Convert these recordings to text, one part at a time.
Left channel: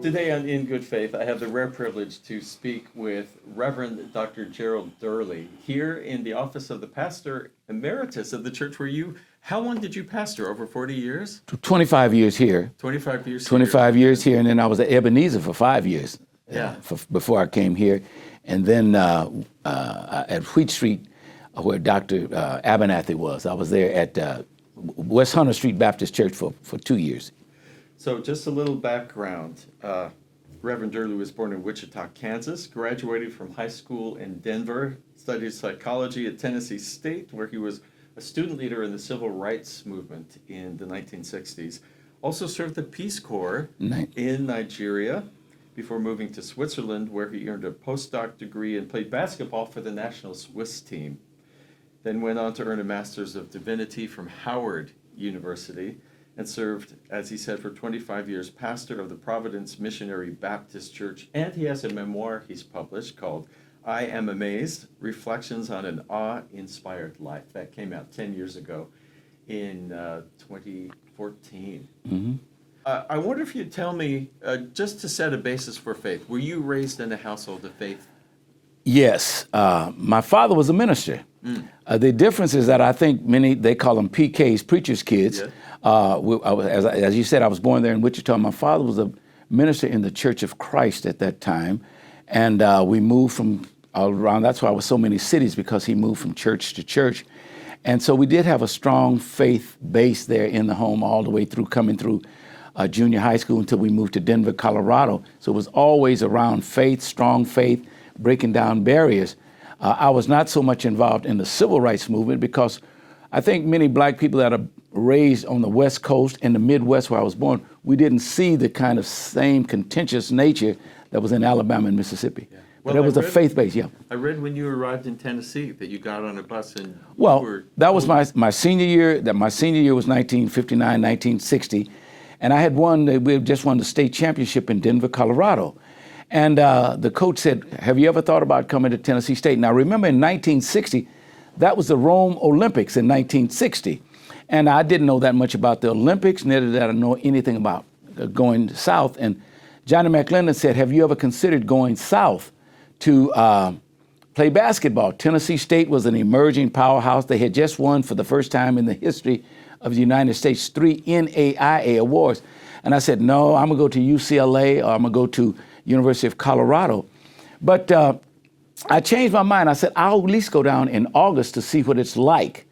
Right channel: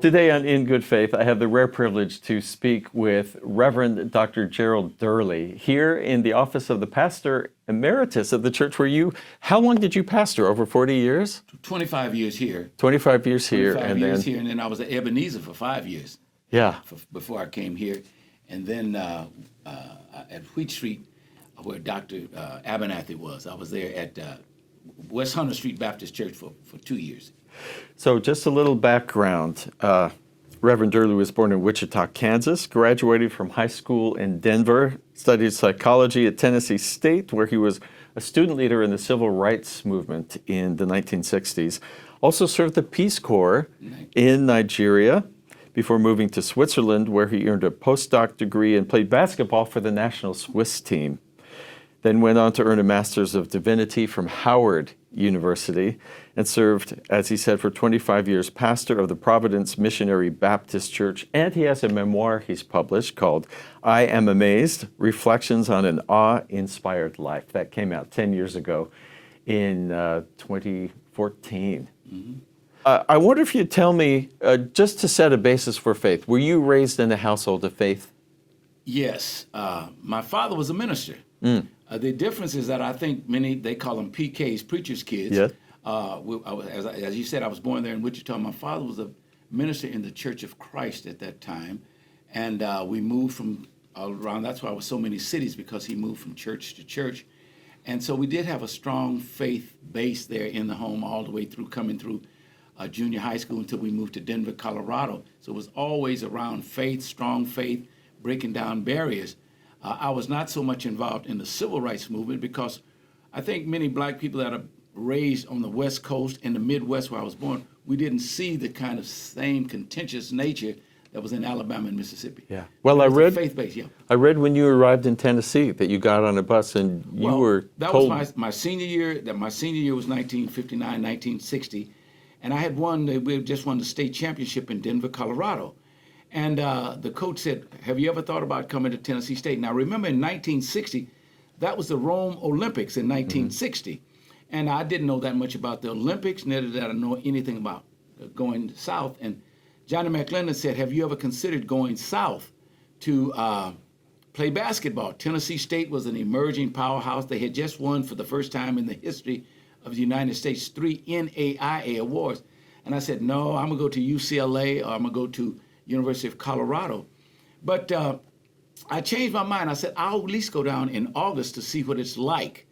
Today on In Good Faith, I have the rare privilege to speak with Reverend Dr. Gerald Durley here in the office of the pastor emeritus of the church where how long did you pastor? Over 40 years? 25 years here. 25 years here. 25 years here, and then I was at Ebenezer for 5 years. Yeah. Before I came here. And then at Wheat Street, where Dr. Abernathy was, I was there at West Hunter Street Baptist Church for 2 years. So just a little background. Reverend Durley was born in Wichita, Kansas, graduated from high school in Denver, studied psychology at Tennessee State, where he was a student leader in the civil rights movement in the 1960s. Also served the Peace Corps in Nigeria before moving to Switzerland, where he earned a postdoc degree and played basketball for the national Swiss team. Then went on to earn a Master's of Divinity from Howard University and served, as he said, for 25 years, pastor of the Providence Missionary Baptist Church. And he has a memoir he's published called I Am Amazed, Reflections on an Awe-Inspired Life. That came out 10 years ago in 2014. Mm-hmm. I wonder if you'd tell me, just to set a basis for faith, were you raised in a household of faith? Yes. My father was a minister. The difference is that I think they call them PKs, preacher's kids. Yeah. As you said, I was born there in Wichita. My father was a minister in the Church of Christ at that time. And we moved from all around. That's why I was so many cities, because he moved from church to church. And so we did have a strong faith base there in the home all the way through, coming through junior high school until we moved to Denver, Colorado. So it was always around faith, strong faith, breaking down barriers. I was not so much involved in the civil rights movement because I think many black people that are raised on the West Coast and the Midwest where I was born, we didn't see the kind of same contentious nature that was in Alabama and Mississippi. Yeah. Well, I read faith-based. Yeah. I read when you arrived in Tennessee that you got on a bus and you were that was my senior year. My senior year was 1959, 1960, and I had we just won the state championship in Denver, Colorado. And the coach said, have you ever thought about coming to Tennessee State? Now, remember in 1960, that was the Rome Olympics in 1960. And I didn't know that much about the Olympics, neither did I know anything about going south. And Johnny McClendon said, have you ever considered going south to play basketball? Tennessee State was an emerging powerhouse. They had just won for the first time in the history of the United States 3 NAIA awards. And I said, no, I'm going to go to UCLA or I'm going to go to University of Colorado. But I changed my mind. I said, I'll at least go down in August to see what it's like.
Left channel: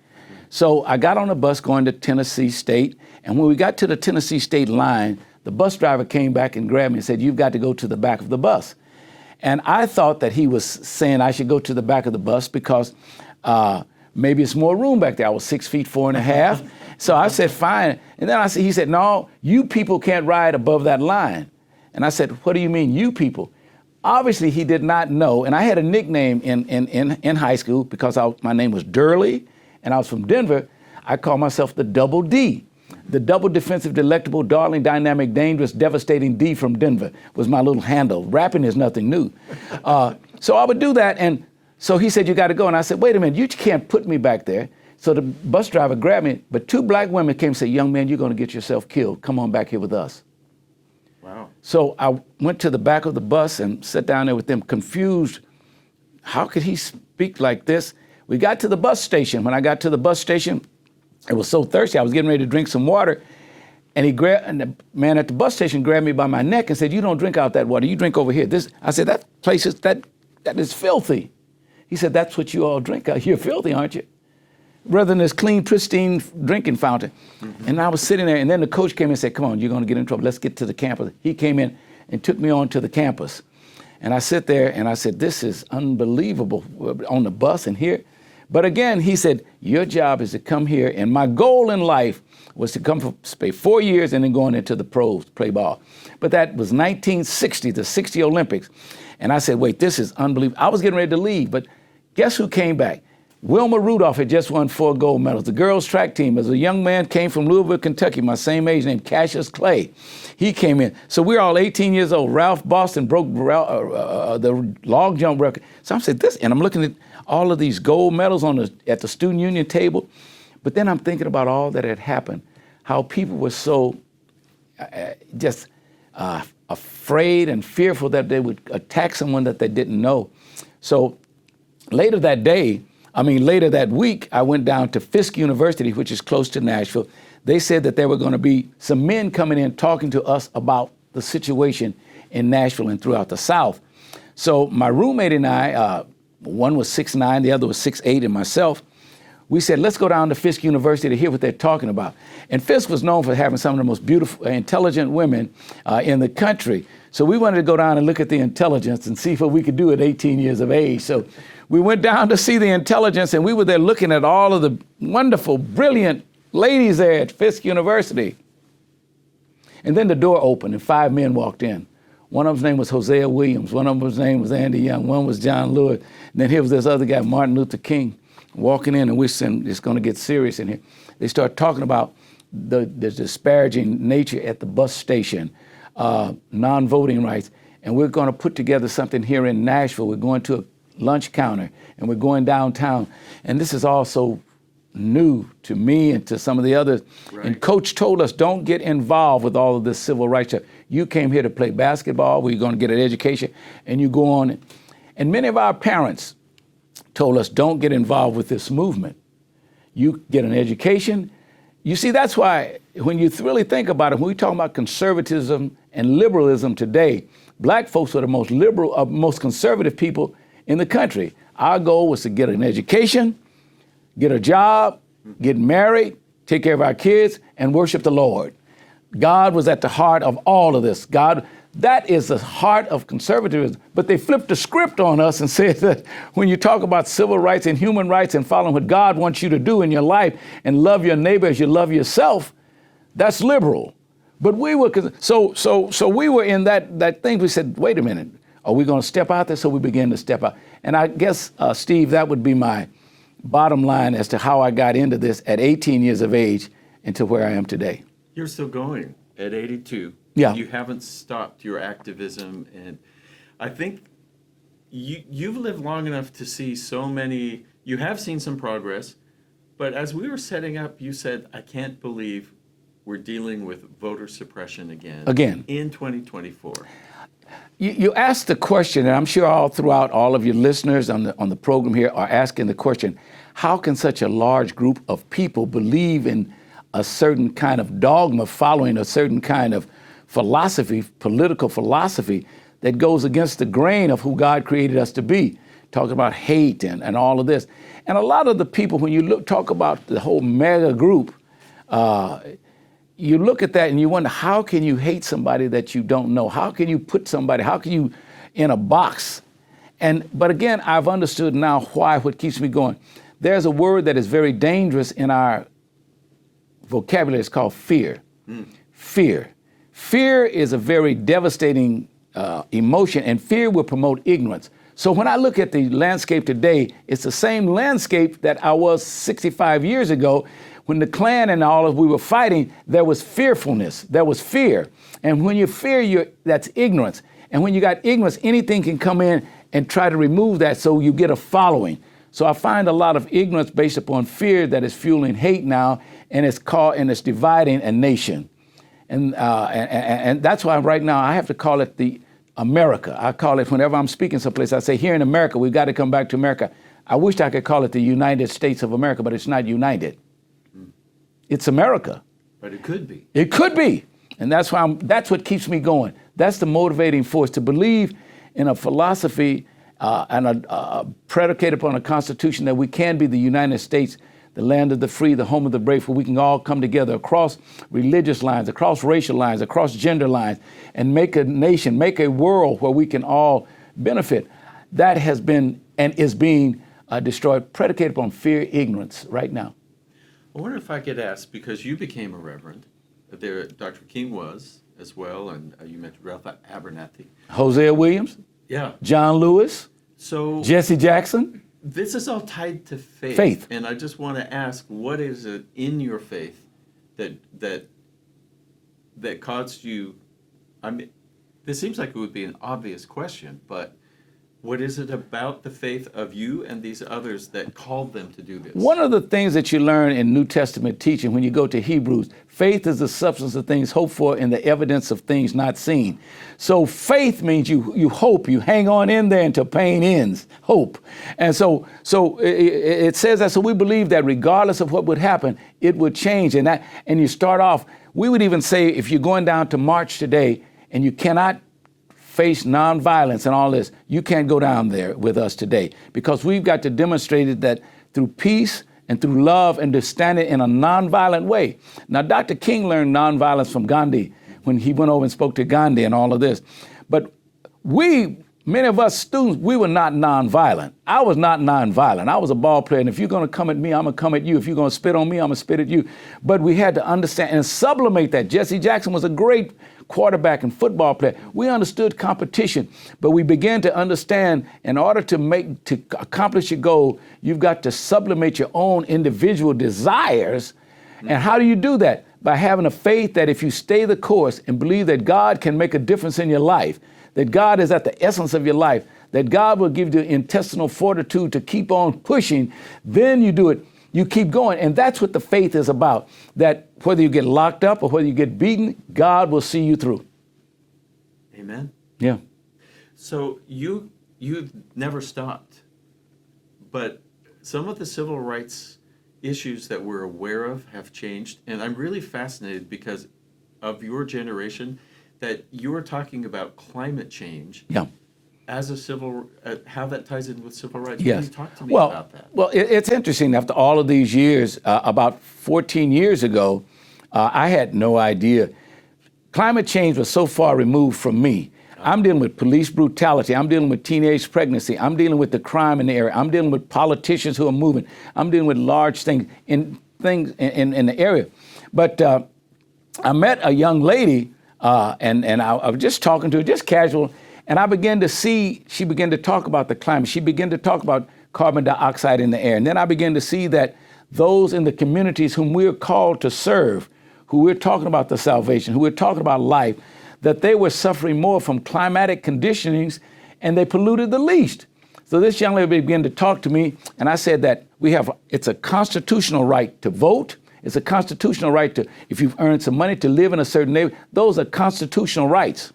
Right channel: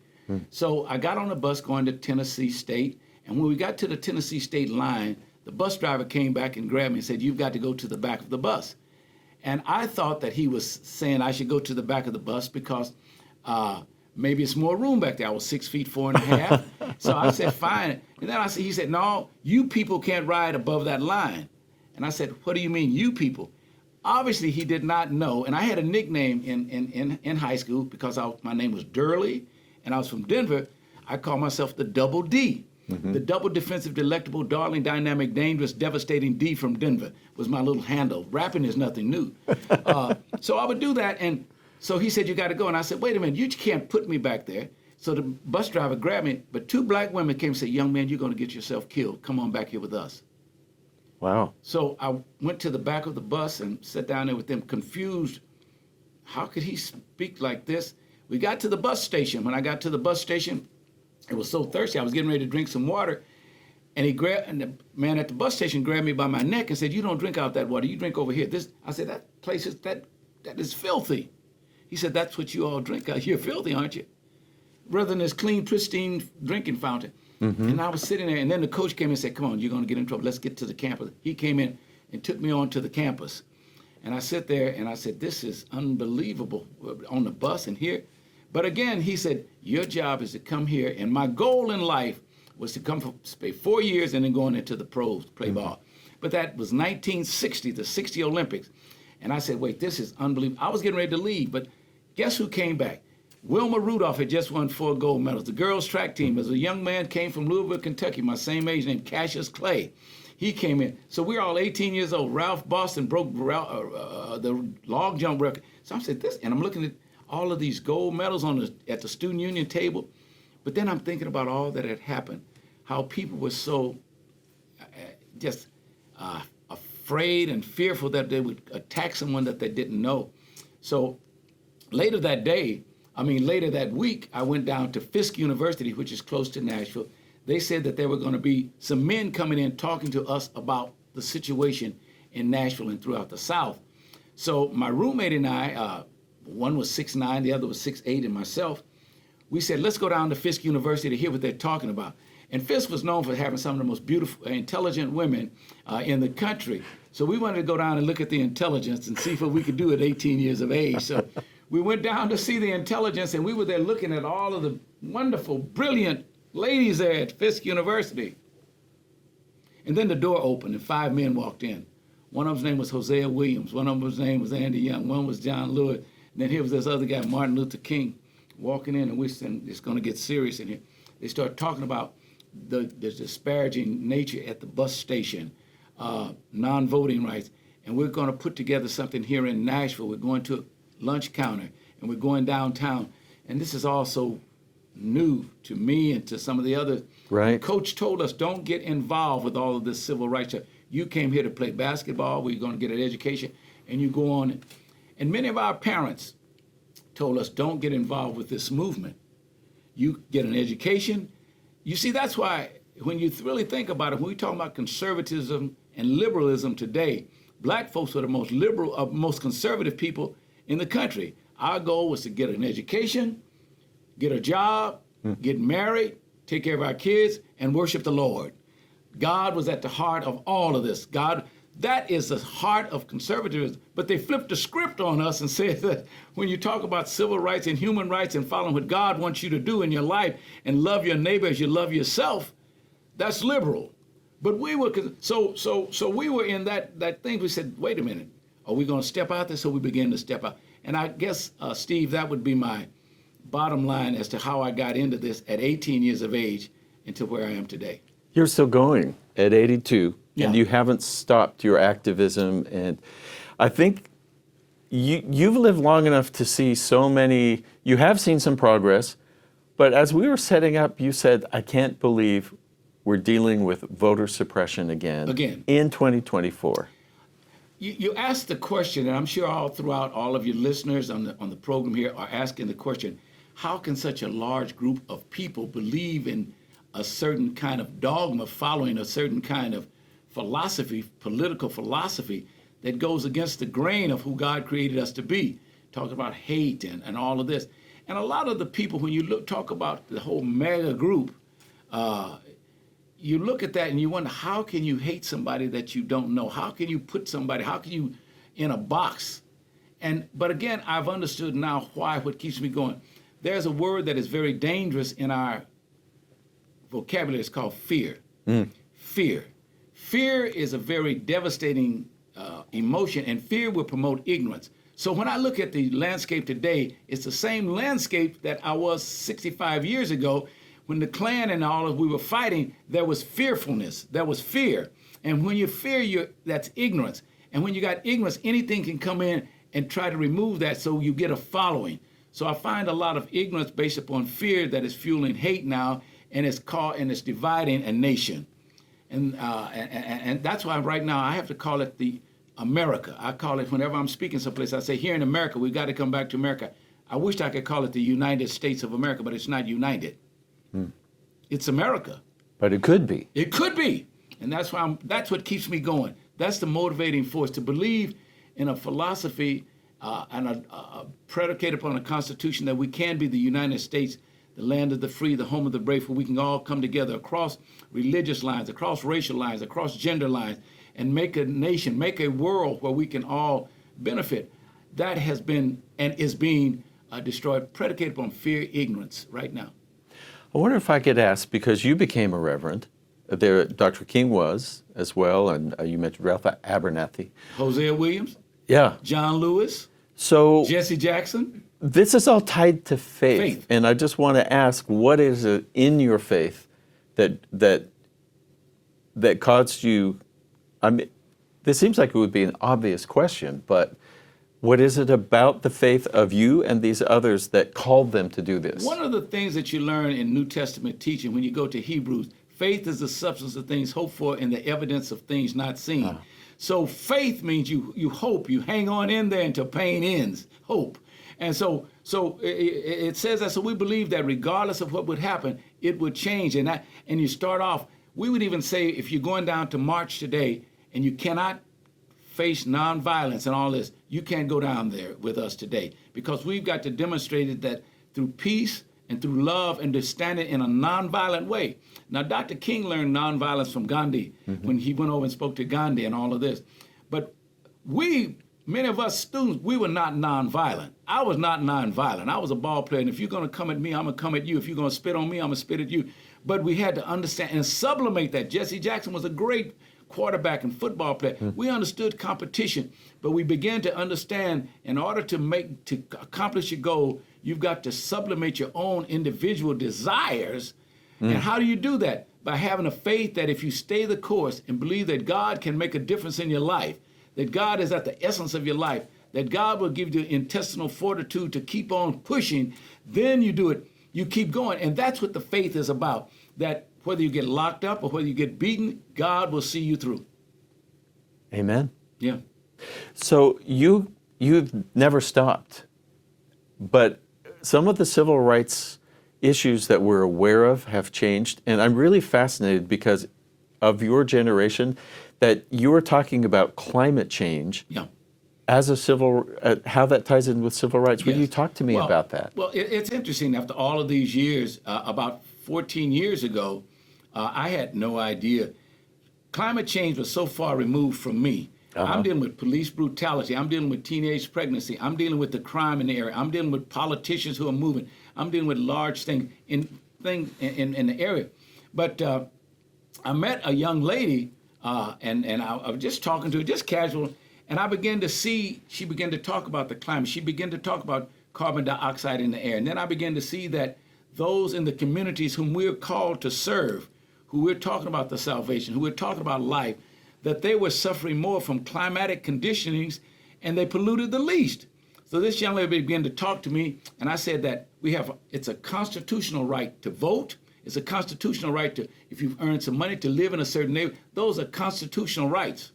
So I got on a bus going to Tennessee State. And when we got to the Tennessee State line, the bus driver came back and grabbed me and said, you've got to go to the back of the bus. And I thought that he was saying I should go to the back of the bus because maybe it's more room back there. I was 6'4.5". So I said, fine. And then he said, no, you people can't ride above that line. And I said, what do you mean, you people? Obviously, he did not know. And I had a nickname in high school because my name was Durley, and I was from Denver. I called myself the Double D. Mm-hmm. The double defensive, delectable, darling, dynamic, dangerous, devastating D from Denver was my little handle. Rapping is nothing new. So I would do that. And so he said, you got to go. And I said, wait a minute, you can't put me back there. So the bus driver grabbed me. But 2 black women came and said, young man, you're going to get yourself killed. Come on back here with us. Wow. So I went to the back of the bus and sat down there with them, confused. How could he speak like this? We got to the bus station. When I got to the bus station, I was so thirsty, I was getting ready to drink some water. And the man at the bus station grabbed me by my neck and said, you don't drink out that water, you drink over here. I said, that place that is filthy. He said, that's what you all drink out here. You're filthy, aren't you? Rather than this clean, pristine drinking fountain. Mm-hmm. And I was sitting there, and then the coach came and said, come on, you're going to get in trouble. Let's get to the campus. He came in and took me on to the campus. And I sit there, and I said, this is unbelievable on the bus and here. But again, he said, your job is to come here. And my goal in life was to come for 4 years and then going into the pros, play ball. But that was 1960, the 60 Olympics. And I said, wait, this is unbelievable. I was getting ready to leave, but guess who came back? Wilma Rudolph had just won 4 gold medals. The girls' track team, as a young man, came from Louisville, Kentucky, my same age, named Cassius Clay. He came in. So we're all 18 years old. Ralph Boston broke the long jump record. So I said, and I'm looking at all of these gold medals at the student union table. But then I'm thinking about all that had happened, how people were so just afraid and fearful that they would attack someone that they didn't know. So later that week, I went down to Fisk University, which is close to Nashville. They said that there were going to be some men coming in talking to us about the situation in Nashville and throughout the South. So my roommate and I, one was 6'9", the other was 6'8", and myself, we said, let's go down to Fisk University to hear what they're talking about. And Fisk was known for having some of the most beautiful, intelligent women in the country. So we wanted to go down and look at the intelligence and see what we could do at 18 years of age. So we went down to see the intelligence, and we were there looking at all of the wonderful, brilliant ladies there at Fisk University. And then the door opened and 5 men walked in. One of them's name was Hosea Williams. One of them's name was Andy Young. One was John Lewis. And then here was this other guy, Martin Luther King, walking in, and we're saying it's going to get serious in here. They start talking about the disparaging nature at the bus station, non-voting rights, and we're going to put together something here in Nashville. We're going to a lunch counter, and we're going downtown. And this is also new to me and to some of the others. Right. And Coach told us, don't get involved with all of this civil rights stuff. You came here to play basketball, where you're going to get an education, and you go on. And many of our parents told us, don't get involved with this movement. You get an education. You see, that's why when you really think about it, when we talk about conservatism and liberalism today, black folks are the most liberal, most conservative people in the country. Our goal was to get an education, get a job, get married, take care of our kids, and worship the Lord. God was at the heart of all of this. That is the heart of conservatism. But they flipped the script on us and said that when you talk about civil rights and human rights and following what God wants you to do in your life and love your neighbor as you love yourself, that's liberal. But we were, so we were in that thing. We said, wait a minute, are we going to step out there? So we began to step out. And I guess, Steve, that would be my bottom line as to how I got into this at 18 years of age into where I am today. You're still going at 82. Yeah. You haven't stopped your activism. And I think you've lived long enough to see so many, you have seen some progress, but as we were setting up, you said, I can't believe we're dealing with voter suppression again. In 2024. You asked the question, and I'm sure all throughout all of your listeners on the program here are asking the question, how can such a large group of people believe in a certain kind of dogma, following a certain kind of philosophy, political philosophy that goes against the grain of who God created us to be, talking about hate and all of this. And a lot of the people, when you talk about the whole mega group, you look at that and you wonder, how can you hate somebody that you don't know? How can you put somebody, how can you in a box? But again, I've understood now what keeps me going. There's a word that is very dangerous in our vocabulary. It's called fear. Fear. Fear is a very devastating emotion, and fear will promote ignorance. So when I look at the landscape today, it's the same landscape that I was 65 years ago. When the Klan and all of we were fighting, there was fearfulness, there was fear. And when you fear, that's ignorance. And when you got ignorance, anything can come in and try to remove that, so you get a following. So I find a lot of ignorance based upon fear that is fueling hate now, and it's dividing a nation. And that's why right now I have to call it the America. I call it, whenever I'm speaking someplace, I say, here in America, we've got to come back to America. I wish I could call it the United States of America, but it's not united. It's America. But it could be. It could be. And that's what keeps me going. That's the motivating force, to believe in a philosophy and predicated upon a constitution that we can be the United States, the land of the free, the home of the brave, where we can all come together across religious lines, across racial lines, across gender lines, and make a nation, make a world where we can all benefit. That has been and is being destroyed, predicated upon fear, ignorance right now. I wonder if I could ask, because you became a reverend, there Dr. King was as well, and you mentioned Ralph Abernathy. Hosea Williams. Yeah. John Lewis. So Jesse Jackson. This is all tied to faith. And I just want to ask, what is it in your faith that caused you, I mean, this seems like it would be an obvious question, but What is it about the faith of you and these others that called them to do this? One of the things that you learn in New Testament teaching when you go to Hebrews, faith is the substance of things hoped for and the evidence of things not seen. So faith means you hope, you hang on in there until pain ends, hope. And so it says that, so we believe that regardless of what would happen, it would change. And you start off, we would even say if you're going down to march today and you cannot face nonviolence and all this, you can't go down there with us today, because we've got to demonstrate it that through peace and through love and to stand it in a nonviolent way. Now, Dr. King learned nonviolence from Gandhi when he went over and spoke to Gandhi and all of this. But many of us students, we were not nonviolent. I was not nonviolent. I was a ball player, and if you're going to come at me, I'm going to come at you. If you're going to spit on me, I'm going to spit at you. But we had to understand and sublimate that. Jesse Jackson was a great quarterback and football player. We understood competition, but we began to understand in order to accomplish your goal, you've got to sublimate your own individual desires. And how do you do that? By having a faith that if you stay the course and believe that God can make a difference in your life, that God is at the essence of your life, that God will give you intestinal fortitude to keep on pushing, then you do it. You keep going. And that's what the faith is about, that whether you get locked up or whether you get beaten, God will see you through. Amen. Yeah. So you've never stopped, but some of the civil rights issues that we're aware of have changed. And I'm really fascinated because of your generation that you were talking about climate change. Yeah. As a how that ties in with civil rights. Yes. Will you talk to me about that? Well, it's interesting. After all of these years, about 14 years ago, I had no idea. Climate change was so far removed from me. I'm dealing with police brutality. I'm dealing with teenage pregnancy. I'm dealing with the crime in the area. I'm dealing with politicians who are moving. I'm dealing with large things in the area. But I met a young lady, and I was just talking to her, just casual. And I began to see, she began to talk about the climate. She began to talk about carbon dioxide in the air. And then I began to see that those in the communities whom we're called to serve, who we're talking about the salvation, who we're talking about life, that they were suffering more from climatic conditionings and they polluted the least. So this young lady began to talk to me, and I said that it's a constitutional right to vote. It's a constitutional right to, if you've earned some money, to live in a certain neighborhood. Those are constitutional rights.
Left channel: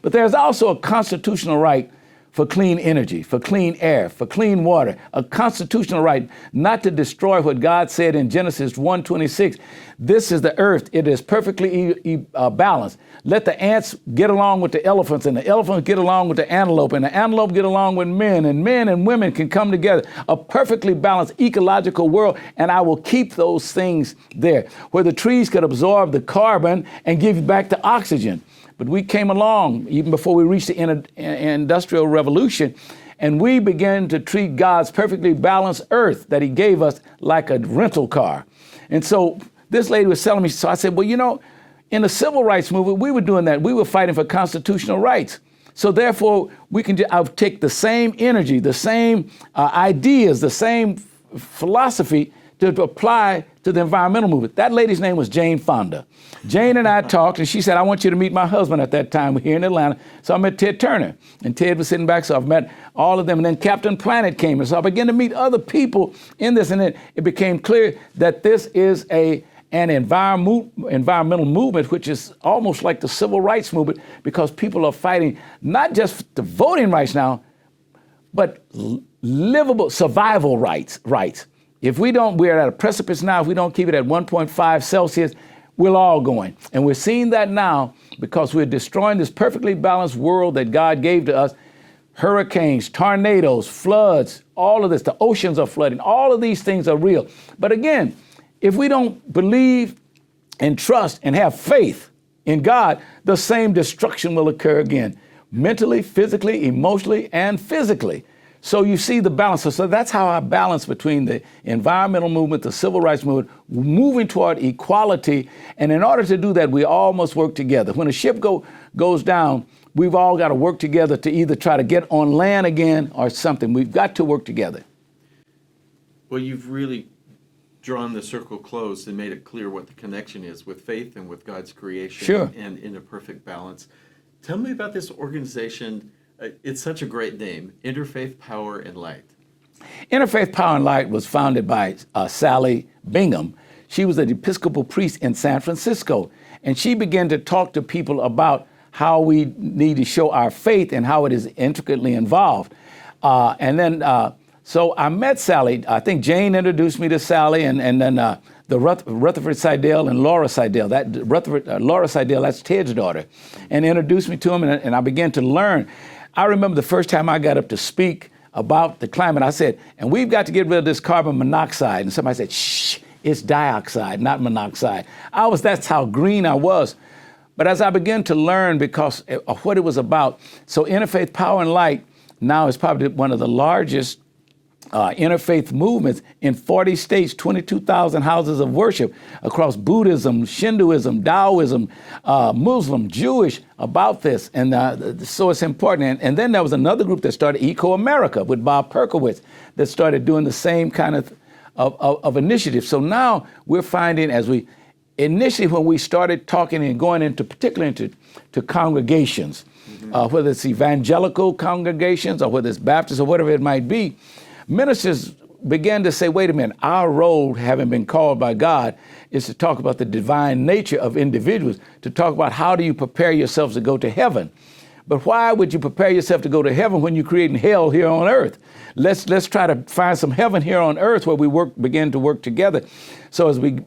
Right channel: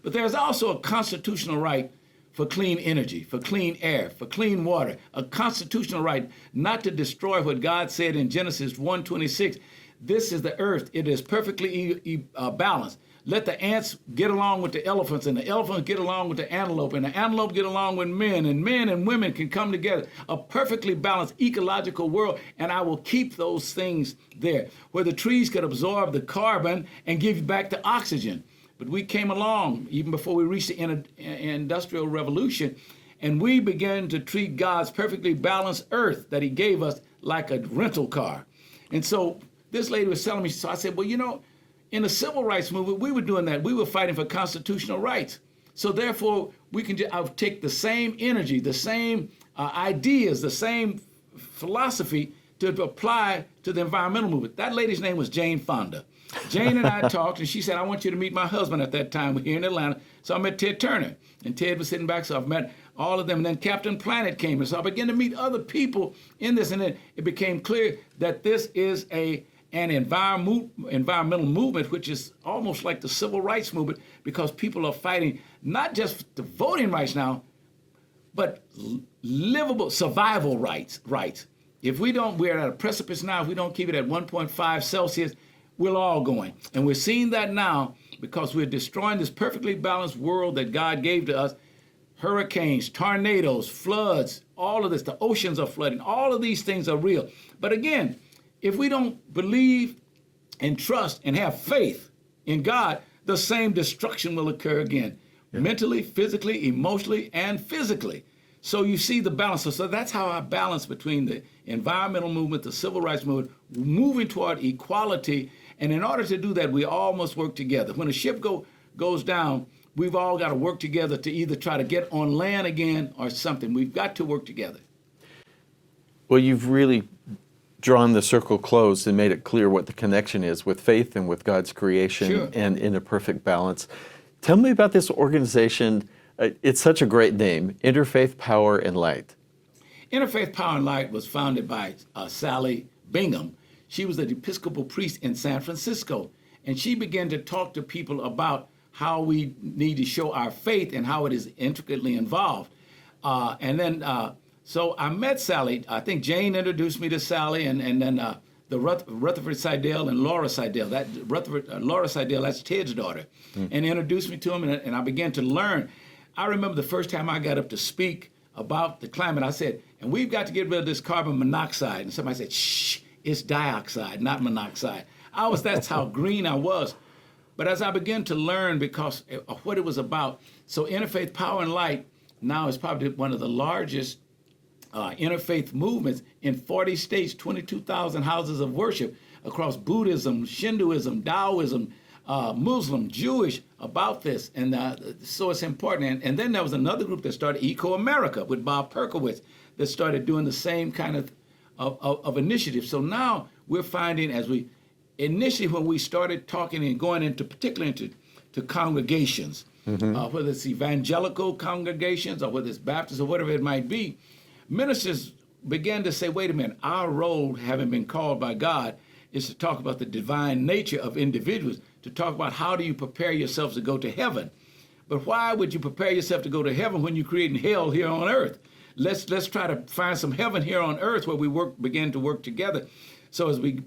But there's also a constitutional right for clean energy, for clean air, for clean water, a constitutional right not to destroy what God said in Genesis 1:26. This is the earth. It is perfectly balanced. Let the ants get along with the elephants, and the elephants get along with the antelope, and the antelope get along with men and women can come together. A perfectly balanced ecological world, and I will keep those things there, where the trees could absorb the carbon and give back the oxygen. But we came along, even before we reached the Industrial Revolution, and we began to treat God's perfectly balanced earth that he gave us like a rental car. And so this lady was telling me, so I said, well, you know, in the civil rights movement, we were doing that. We were fighting for constitutional rights. So therefore, we can I'll take the same energy, the same ideas, the same philosophy to apply to the environmental movement. That lady's name was Jane Fonda. Jane and I talked, and she said, I want you to meet my husband at that time. We're here in Atlanta. So I met Ted Turner, and Ted was sitting back, so I've met all of them. And then Captain Planet came, and so I began to meet other people in this, and then it became clear that this is an environmental movement, which is almost like the civil rights movement, because people are fighting not just the voting rights now, but livable survival rights. If we don't, we're at a precipice now. If we don't keep it at 1.5 Celsius, we're all going. And we're seeing that now because we're destroying this perfectly balanced world that God gave to us. Hurricanes, tornadoes, floods, all of this, the oceans are flooding. All of these things are real. But again, if we don't believe and trust and have faith in God, the same destruction will occur again, mentally, physically, emotionally, and physically. So you see the balance. So that's how I balance between the environmental movement, the civil rights movement, moving toward equality. And in order to do that, we all must work together. When a ship goes down, we've all got to work together to either try to get on land again or something. We've got to work together. Well, you've really drawn the circle closed and made it clear what the connection is with faith and with God's creation. Sure. And in a perfect balance. Tell me about this organization, It's such a great name, Interfaith Power and Light. Interfaith Power and Light was founded by Sally Bingham. She was an Episcopal priest in San Francisco, and she began to talk to people about how we need to show our faith and how it is intricately involved. So I met Sally. I think Jane introduced me to Sally, and then the Rutherford Seidel and Laura Seidel. Laura Seidel, that's Ted's daughter, and introduced me to him, and I began to learn. I remember the first time I got up to speak about the climate, I said, and we've got to get rid of this carbon monoxide. And somebody said, shh, it's dioxide, not monoxide. That's how green I was. But as I began to learn because of what it was about, so Interfaith Power and Light now is probably one of the largest interfaith movements in 40 states, 22,000 houses of worship across Buddhism, Shintoism, Taoism, Muslim, Jewish, about this. And so it's important. And then there was another group that started, Eco America, with Bob Perkowitz, that started doing the same kind of initiative. So now we're finding, initially when we started talking and going into, particularly into congregations, whether it's evangelical congregations or whether it's Baptist or whatever it might be, ministers began to say, wait a minute, our role, having been called by God, is to talk about the divine nature of individuals, to talk about how do you prepare yourselves to go to heaven. But why would you prepare yourself to go to heaven when you're creating hell here on earth? Let's try to find some heaven here on earth where we begin to work together. So as we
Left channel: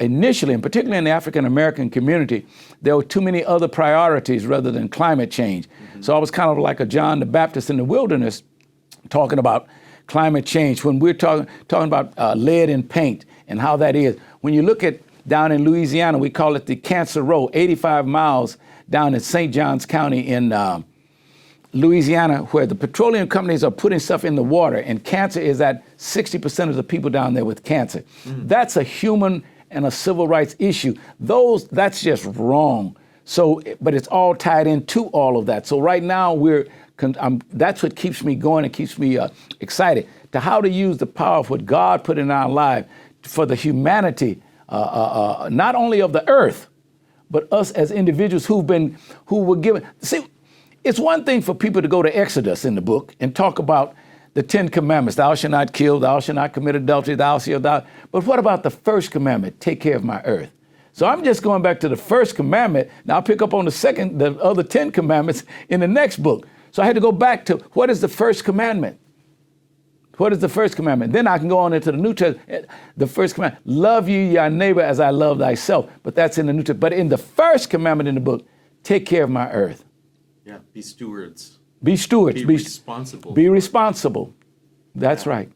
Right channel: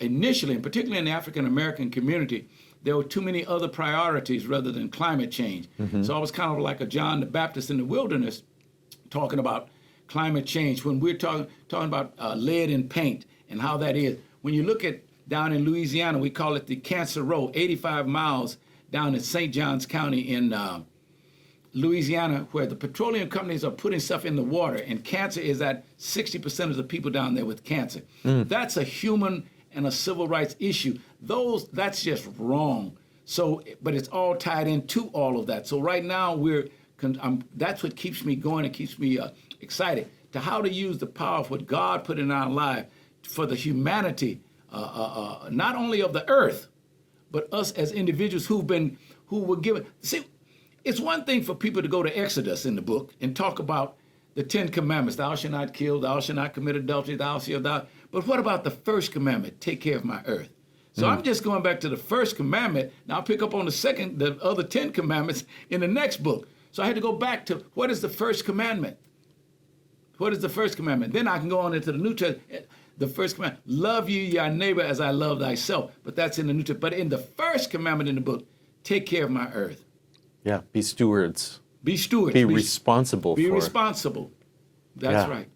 initially, and particularly in the African American community, there were too many other priorities rather than climate change. So I was kind of like a John the Baptist in the wilderness, talking about climate change. When we're talking about lead in paint and how that is, when you look at down in Louisiana, we call it the Cancer Row, 85 miles down in St. Johns County in Louisiana, where the petroleum companies are putting stuff in the water, and cancer is at 60% of the people down there with cancer. That's a human and a civil rights issue. That's just wrong. So, but it's all tied into all of that. So right now that's what keeps me going and keeps me excited to how to use the power of what God put in our life for the humanity, not only of the earth, but us as individuals who were given. See, it's one thing for people to go to Exodus in the book and talk about the 10 commandments, thou shalt not kill, thou shalt not commit adultery, thou shalt not. But what about the first commandment, take care of my earth? So I'm just going back to the first commandment. Now I'll pick up on the other 10 commandments in the next book. So I had to go back to what is the first commandment? What is the first commandment? Then I can go on into the New Testament. The first commandment, love you, your neighbor, as I love thyself. But that's in the New Testament. But in the first commandment in the book, take care of my earth. Yeah, be stewards. Be stewards. Be responsible. Be responsible. That's right.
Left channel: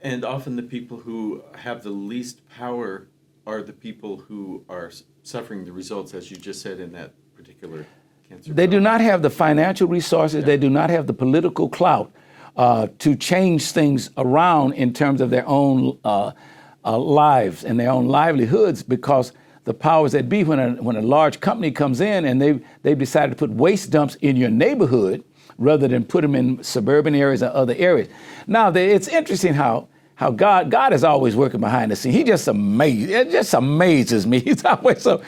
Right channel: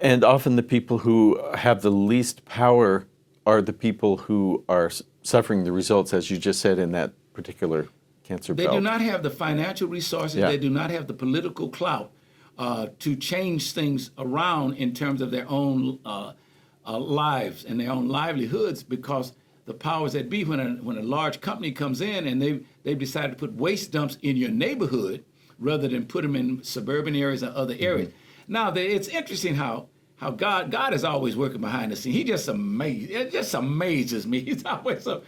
And often the people who have the least power are the people who are suffering the results, as you just said, in that particular cancer They belt. do not have the financial resources. They do not have the political clout to change things around in terms of their own lives and their own livelihoods, because the powers that be, when a large company comes in and they've decided to put waste dumps in your neighborhood rather than put them in suburban areas or other areas. Now, it's interesting how God is always working behind the scenes. He just amazes me. He's always so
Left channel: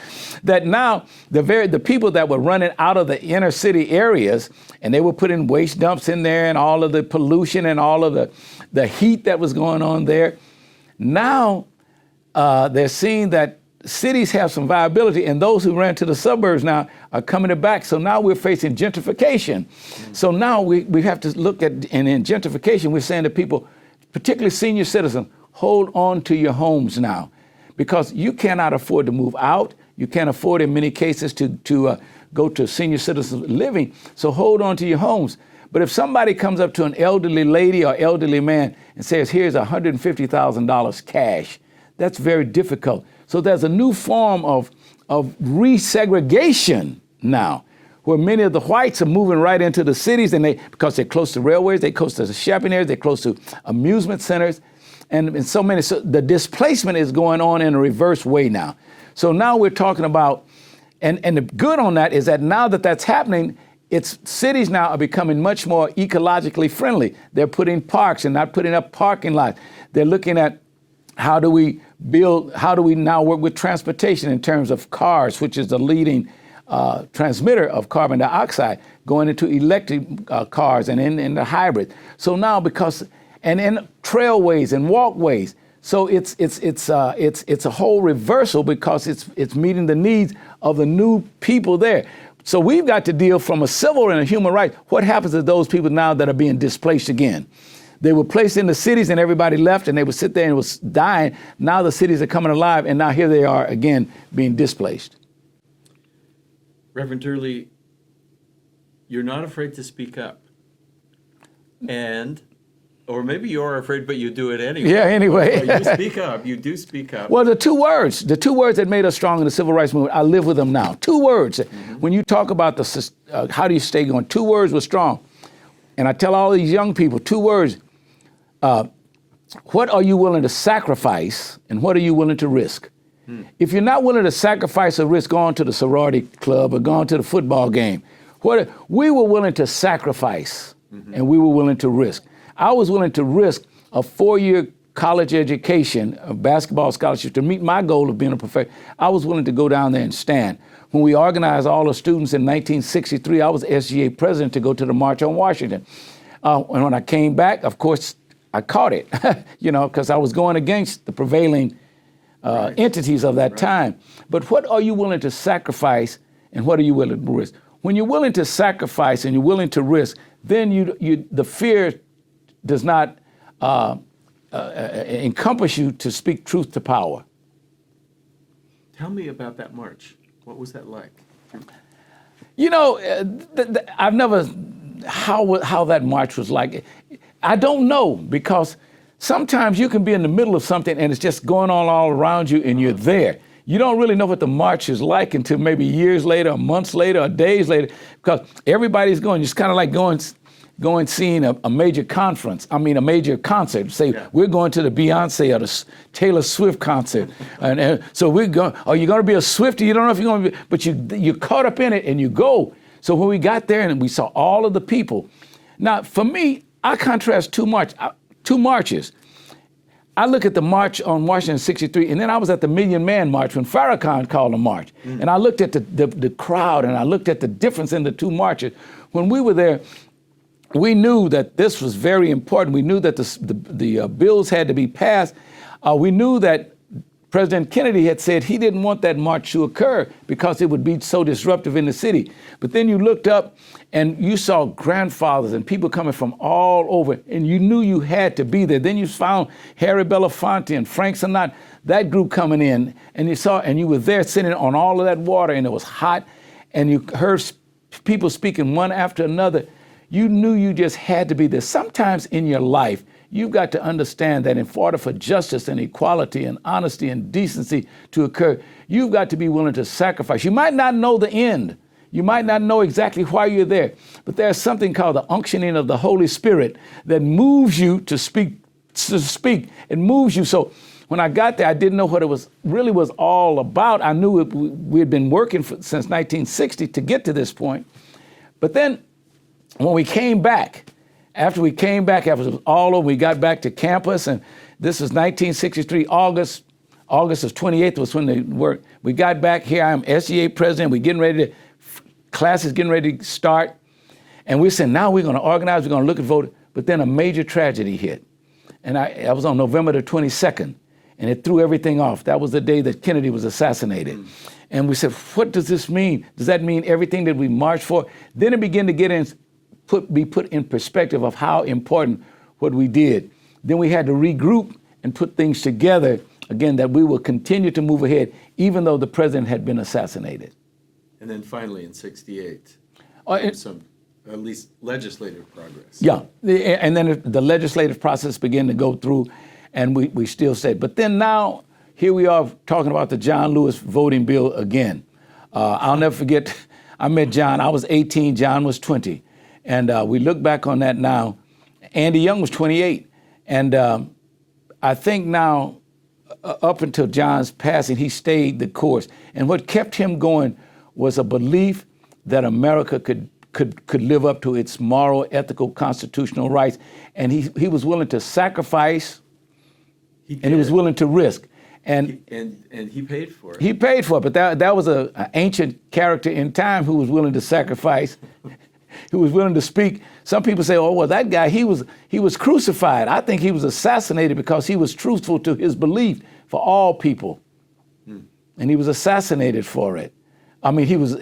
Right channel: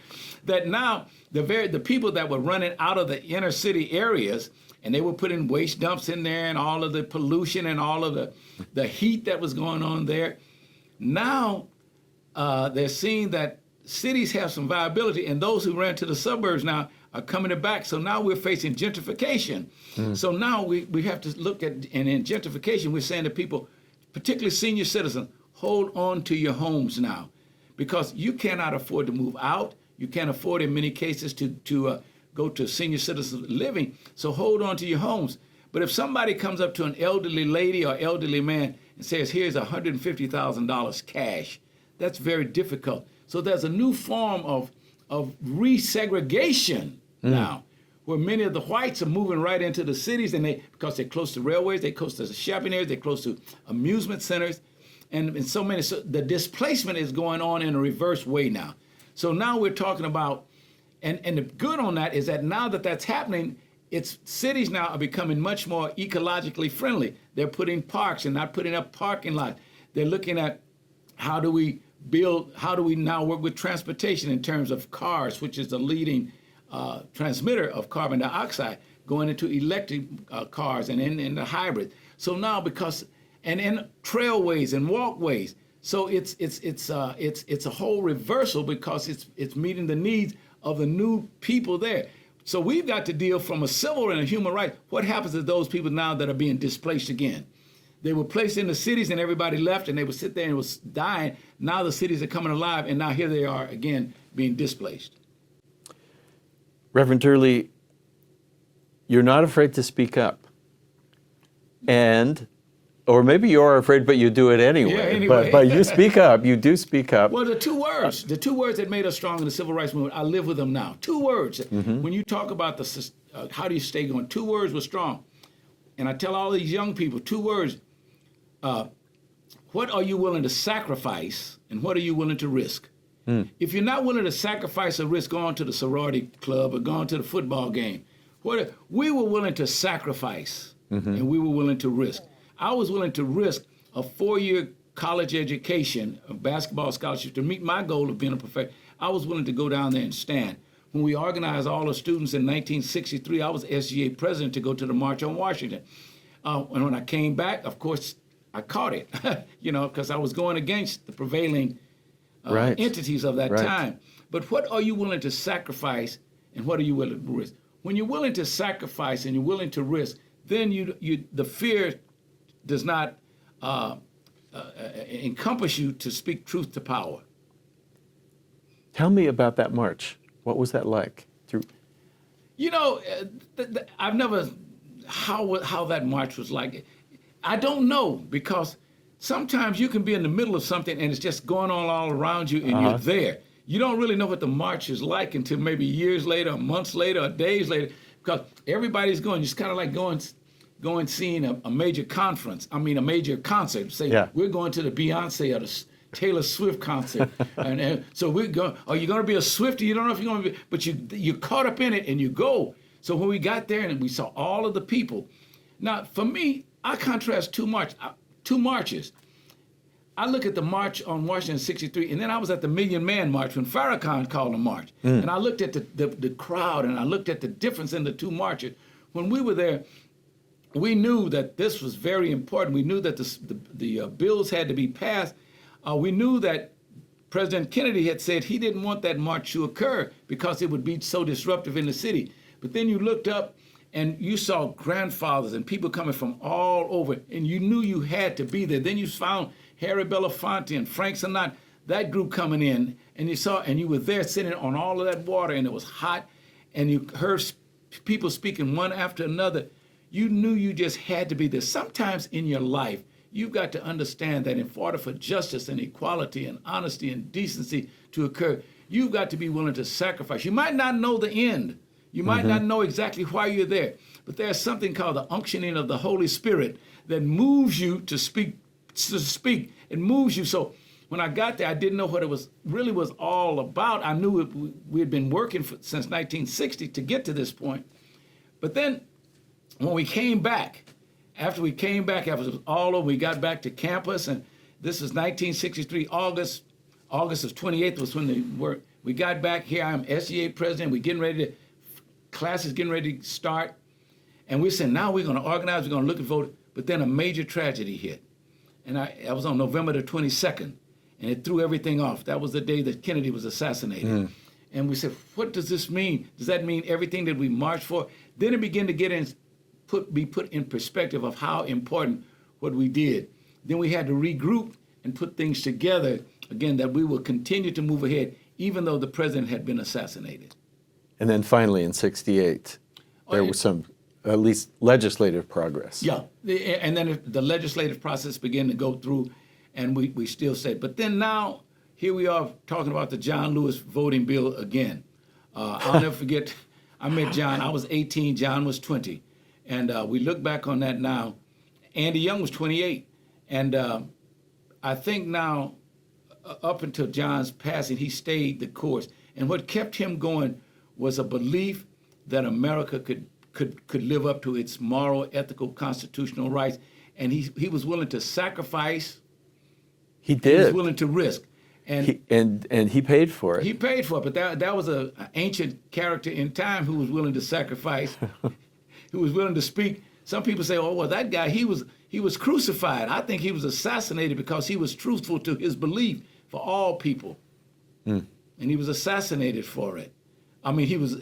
that now the people that were running out of the inner city areas, and they were putting waste dumps in there and all of the pollution and all of the heat that was going on there. Now they're seeing that cities have some viability, and those who ran to the suburbs now are coming back. So now we're facing gentrification. So now we have to look at, and in gentrification, we're saying to people, particularly senior citizens, hold on to your homes now, because you cannot afford to move out. You can't afford, in many cases, to go to senior citizen living. So hold on to your homes. But if somebody comes up to an elderly lady or elderly man and says, here's $150,000 cash, that's very difficult. So there's a new form of resegregation now, where many of the whites are moving right into the cities, and because they're close to railways, they're close to the shopping areas, they're close to amusement centers, and so the displacement is going on in a reverse way now. So now we're talking about, and the good on that is that now that that's happening, cities now are becoming much more ecologically friendly. They're putting parks and not putting up parking lots. They're looking at how do we now work with transportation in terms of cars, which is the leading transmitter of carbon dioxide, going into electric cars and in the hybrid. So now and in trailways and walkways. So it's a whole reversal because it's meeting the needs of the new people there. So we've got to deal from a civil and a human right. What happens to those people now that are being displaced again? They were placed in the cities and everybody left and they would sit there and it was dying. Now the cities are coming alive and now here they are again being displaced. Reverend Durley, you're not afraid to speak up. Or maybe you are afraid, but you do it anyway. Yeah, anyway. But you speak up. You do speak up. Well, the two words that made us strong in the civil rights movement, I live with them now. Two words. Mm-hmm. When you talk about how do you stay going, two words were strong. And I tell all these young people, two words. What are you willing to sacrifice and what are you willing to risk? If you're not willing to sacrifice or risk going to the sorority club or going to the football game, we were willing to sacrifice and we were willing to risk. I was willing to risk a 4-year college education, a basketball scholarship to meet my goal of being a professor. I was willing to go down there and stand. When we organized all the students in 1963, I was SGA president to go to the March on Washington. And when I came back, of course, I caught it, because I was going against the prevailing entities of that time. But what are you willing to sacrifice and what are you willing to risk? When you're willing to sacrifice and you're willing to risk, then the fear does not encompass you to speak truth to power. Tell me about that march. What was that like? I've never, how that march was like. I don't know, because sometimes you can be in the middle of something and it's just going on all around you and you're there. You don't really know what the march is like until maybe years later, or months later, or days later, because everybody's going, it's kind of like going seeing a major conference, a major concert. Say, we're going to the Beyonce or the Taylor Swift concert. and so we're going, are you going to be a Swiftie? You don't know if you're going to be, but you're caught up in it and you go. So when we got there and we saw all of the people. Now, for me, I contrast two marches. I look at the march on Washington 63, and then I was at the Million Man March when Farrakhan called a march. And I looked at the crowd and I looked at the difference in the two marches. When we were there, we knew that this was very important. We knew that the bills had to be passed. We knew that President Kennedy had said he didn't want that march to occur because it would be so disruptive in the city. But then you looked up and you saw grandfathers and people coming from all over, and you knew you had to be there. Then you found Harry Belafonte and Frank Sinatra, that group coming in, and you were there sitting on all of that water, and it was hot, and you heard people speaking one after another. You knew you just had to be there. Sometimes in your life, you've got to understand that in order for justice and equality and honesty and decency to occur, you've got to be willing to sacrifice. You might not know the end. You might not know exactly why you're there, but there's something called the unctioning of the Holy Spirit that moves you to speak. It moves you. So when I got there, I didn't know what it was all about. I knew we had been working since 1960 to get to this point. But then when we came back, after it was all over, we got back to campus, and this is 1963, August of 28th was when they worked. We got back here, I'm SGA president, we're getting ready to, class is getting ready to start, and we said, now we're gonna organize, we're gonna look at vote, but then a major tragedy hit. And I was on November the 22nd, and it threw everything off. That was the day that Kennedy was assassinated. And we said, what does this mean? Does that mean everything that we marched for? Then it began to be put in perspective of how important what we did. Then we had to regroup and put things together, again, that we will continue to move ahead, even though the president had been assassinated. And then finally in 68, there was some, at least legislative progress. Yeah, and then the legislative process began to go through, and we still said, but then now, here we are talking about the John Lewis voting bill again. I'll never forget, I met John, I was 18, John was 20. And we look back on that now. Andy Young was 28. And I think now, up until John's passing, he stayed the course. And what kept him going was a belief that America could live up to its moral, ethical, constitutional rights. And he was willing to sacrifice. He did. And he was willing to risk. And he paid for it. He paid for it, but that was an ancient character in time who was willing to sacrifice who was willing to speak. Some people say, oh, well, that guy, he was crucified. I think he was assassinated because he was truthful to his belief for all people. And he was assassinated for it. I mean, he was,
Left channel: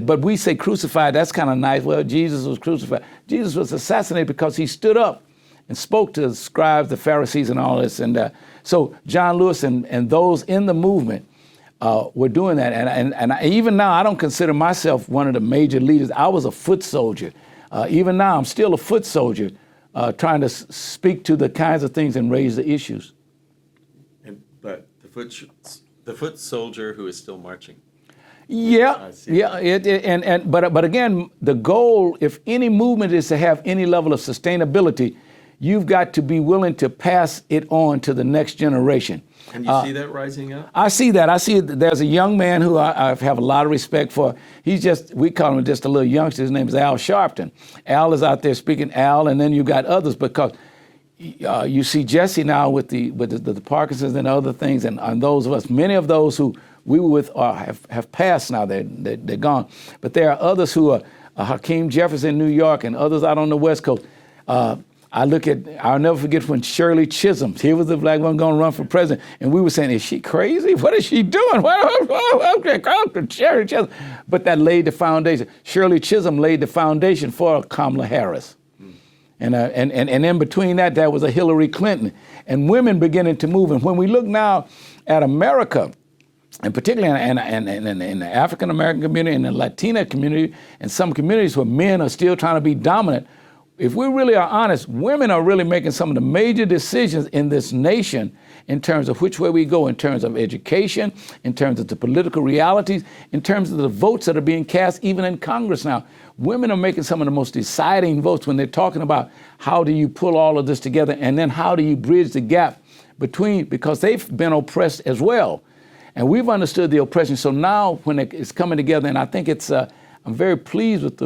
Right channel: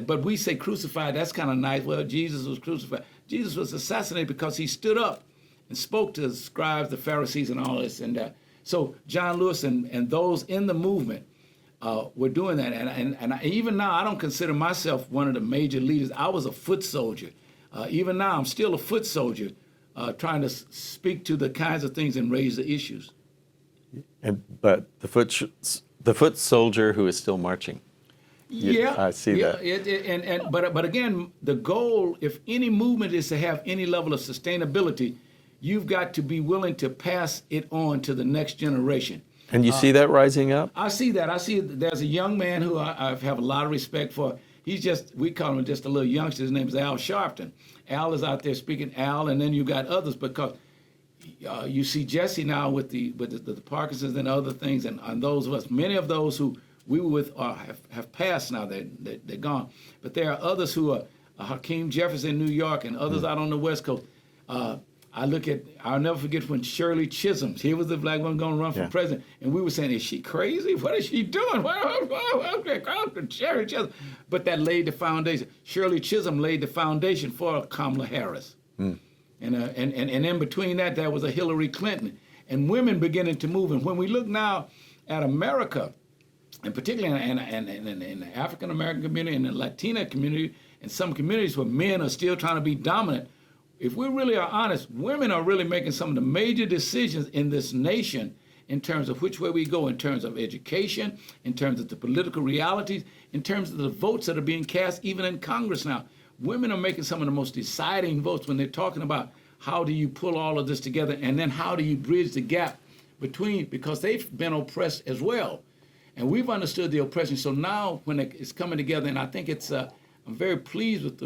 but we say crucified, that's kind of nice. Well, Jesus was crucified. Jesus was assassinated because he stood up and spoke to the scribes, the Pharisees, and all this. And so John Lewis and those in the movement were doing that. And even now, I don't consider myself one of the major leaders. I was a foot soldier. Even now, I'm still a foot soldier, trying to speak to the kinds of things and raise the issues. But the foot soldier who is still marching. Yeah, I see that. But again, the goal, if any movement is to have any level of sustainability, you've got to be willing to pass it on to the next generation. And you see that rising up? I see that. I see there's a young man who I have a lot of respect for. We call him just a little youngster. His name is Al Sharpton. Al is out there speaking, Al, and then you got others, because you see Jesse now with the Parkinson's and other things, and those of us, many of those who we were with have passed now. They're gone. But there are others who are Hakeem Jeffers in New York and others out on the West Coast. I'll never forget when Shirley Chisholm, here was the black woman going to run for president, and we were saying, is she crazy? What is she doing? Shirley Chisholm. But that laid the foundation. Shirley Chisholm laid the foundation for Kamala Harris. And in between that, there was a Hillary Clinton. And women beginning to move. And when we look now at America, and particularly in the African-American community and the Latina community, and some communities where men are still trying to be dominant, if we really are honest, women are really making some of the major decisions in this nation in terms of which way we go, in terms of education, in terms of the political realities, in terms of the votes that are being cast even in Congress now. Women are making some of the most deciding votes when they're talking about how do you pull all of this together, and then how do you bridge the gap between, because they've been oppressed as well. And we've understood the oppression. So now when it's coming together, and I think I'm very pleased with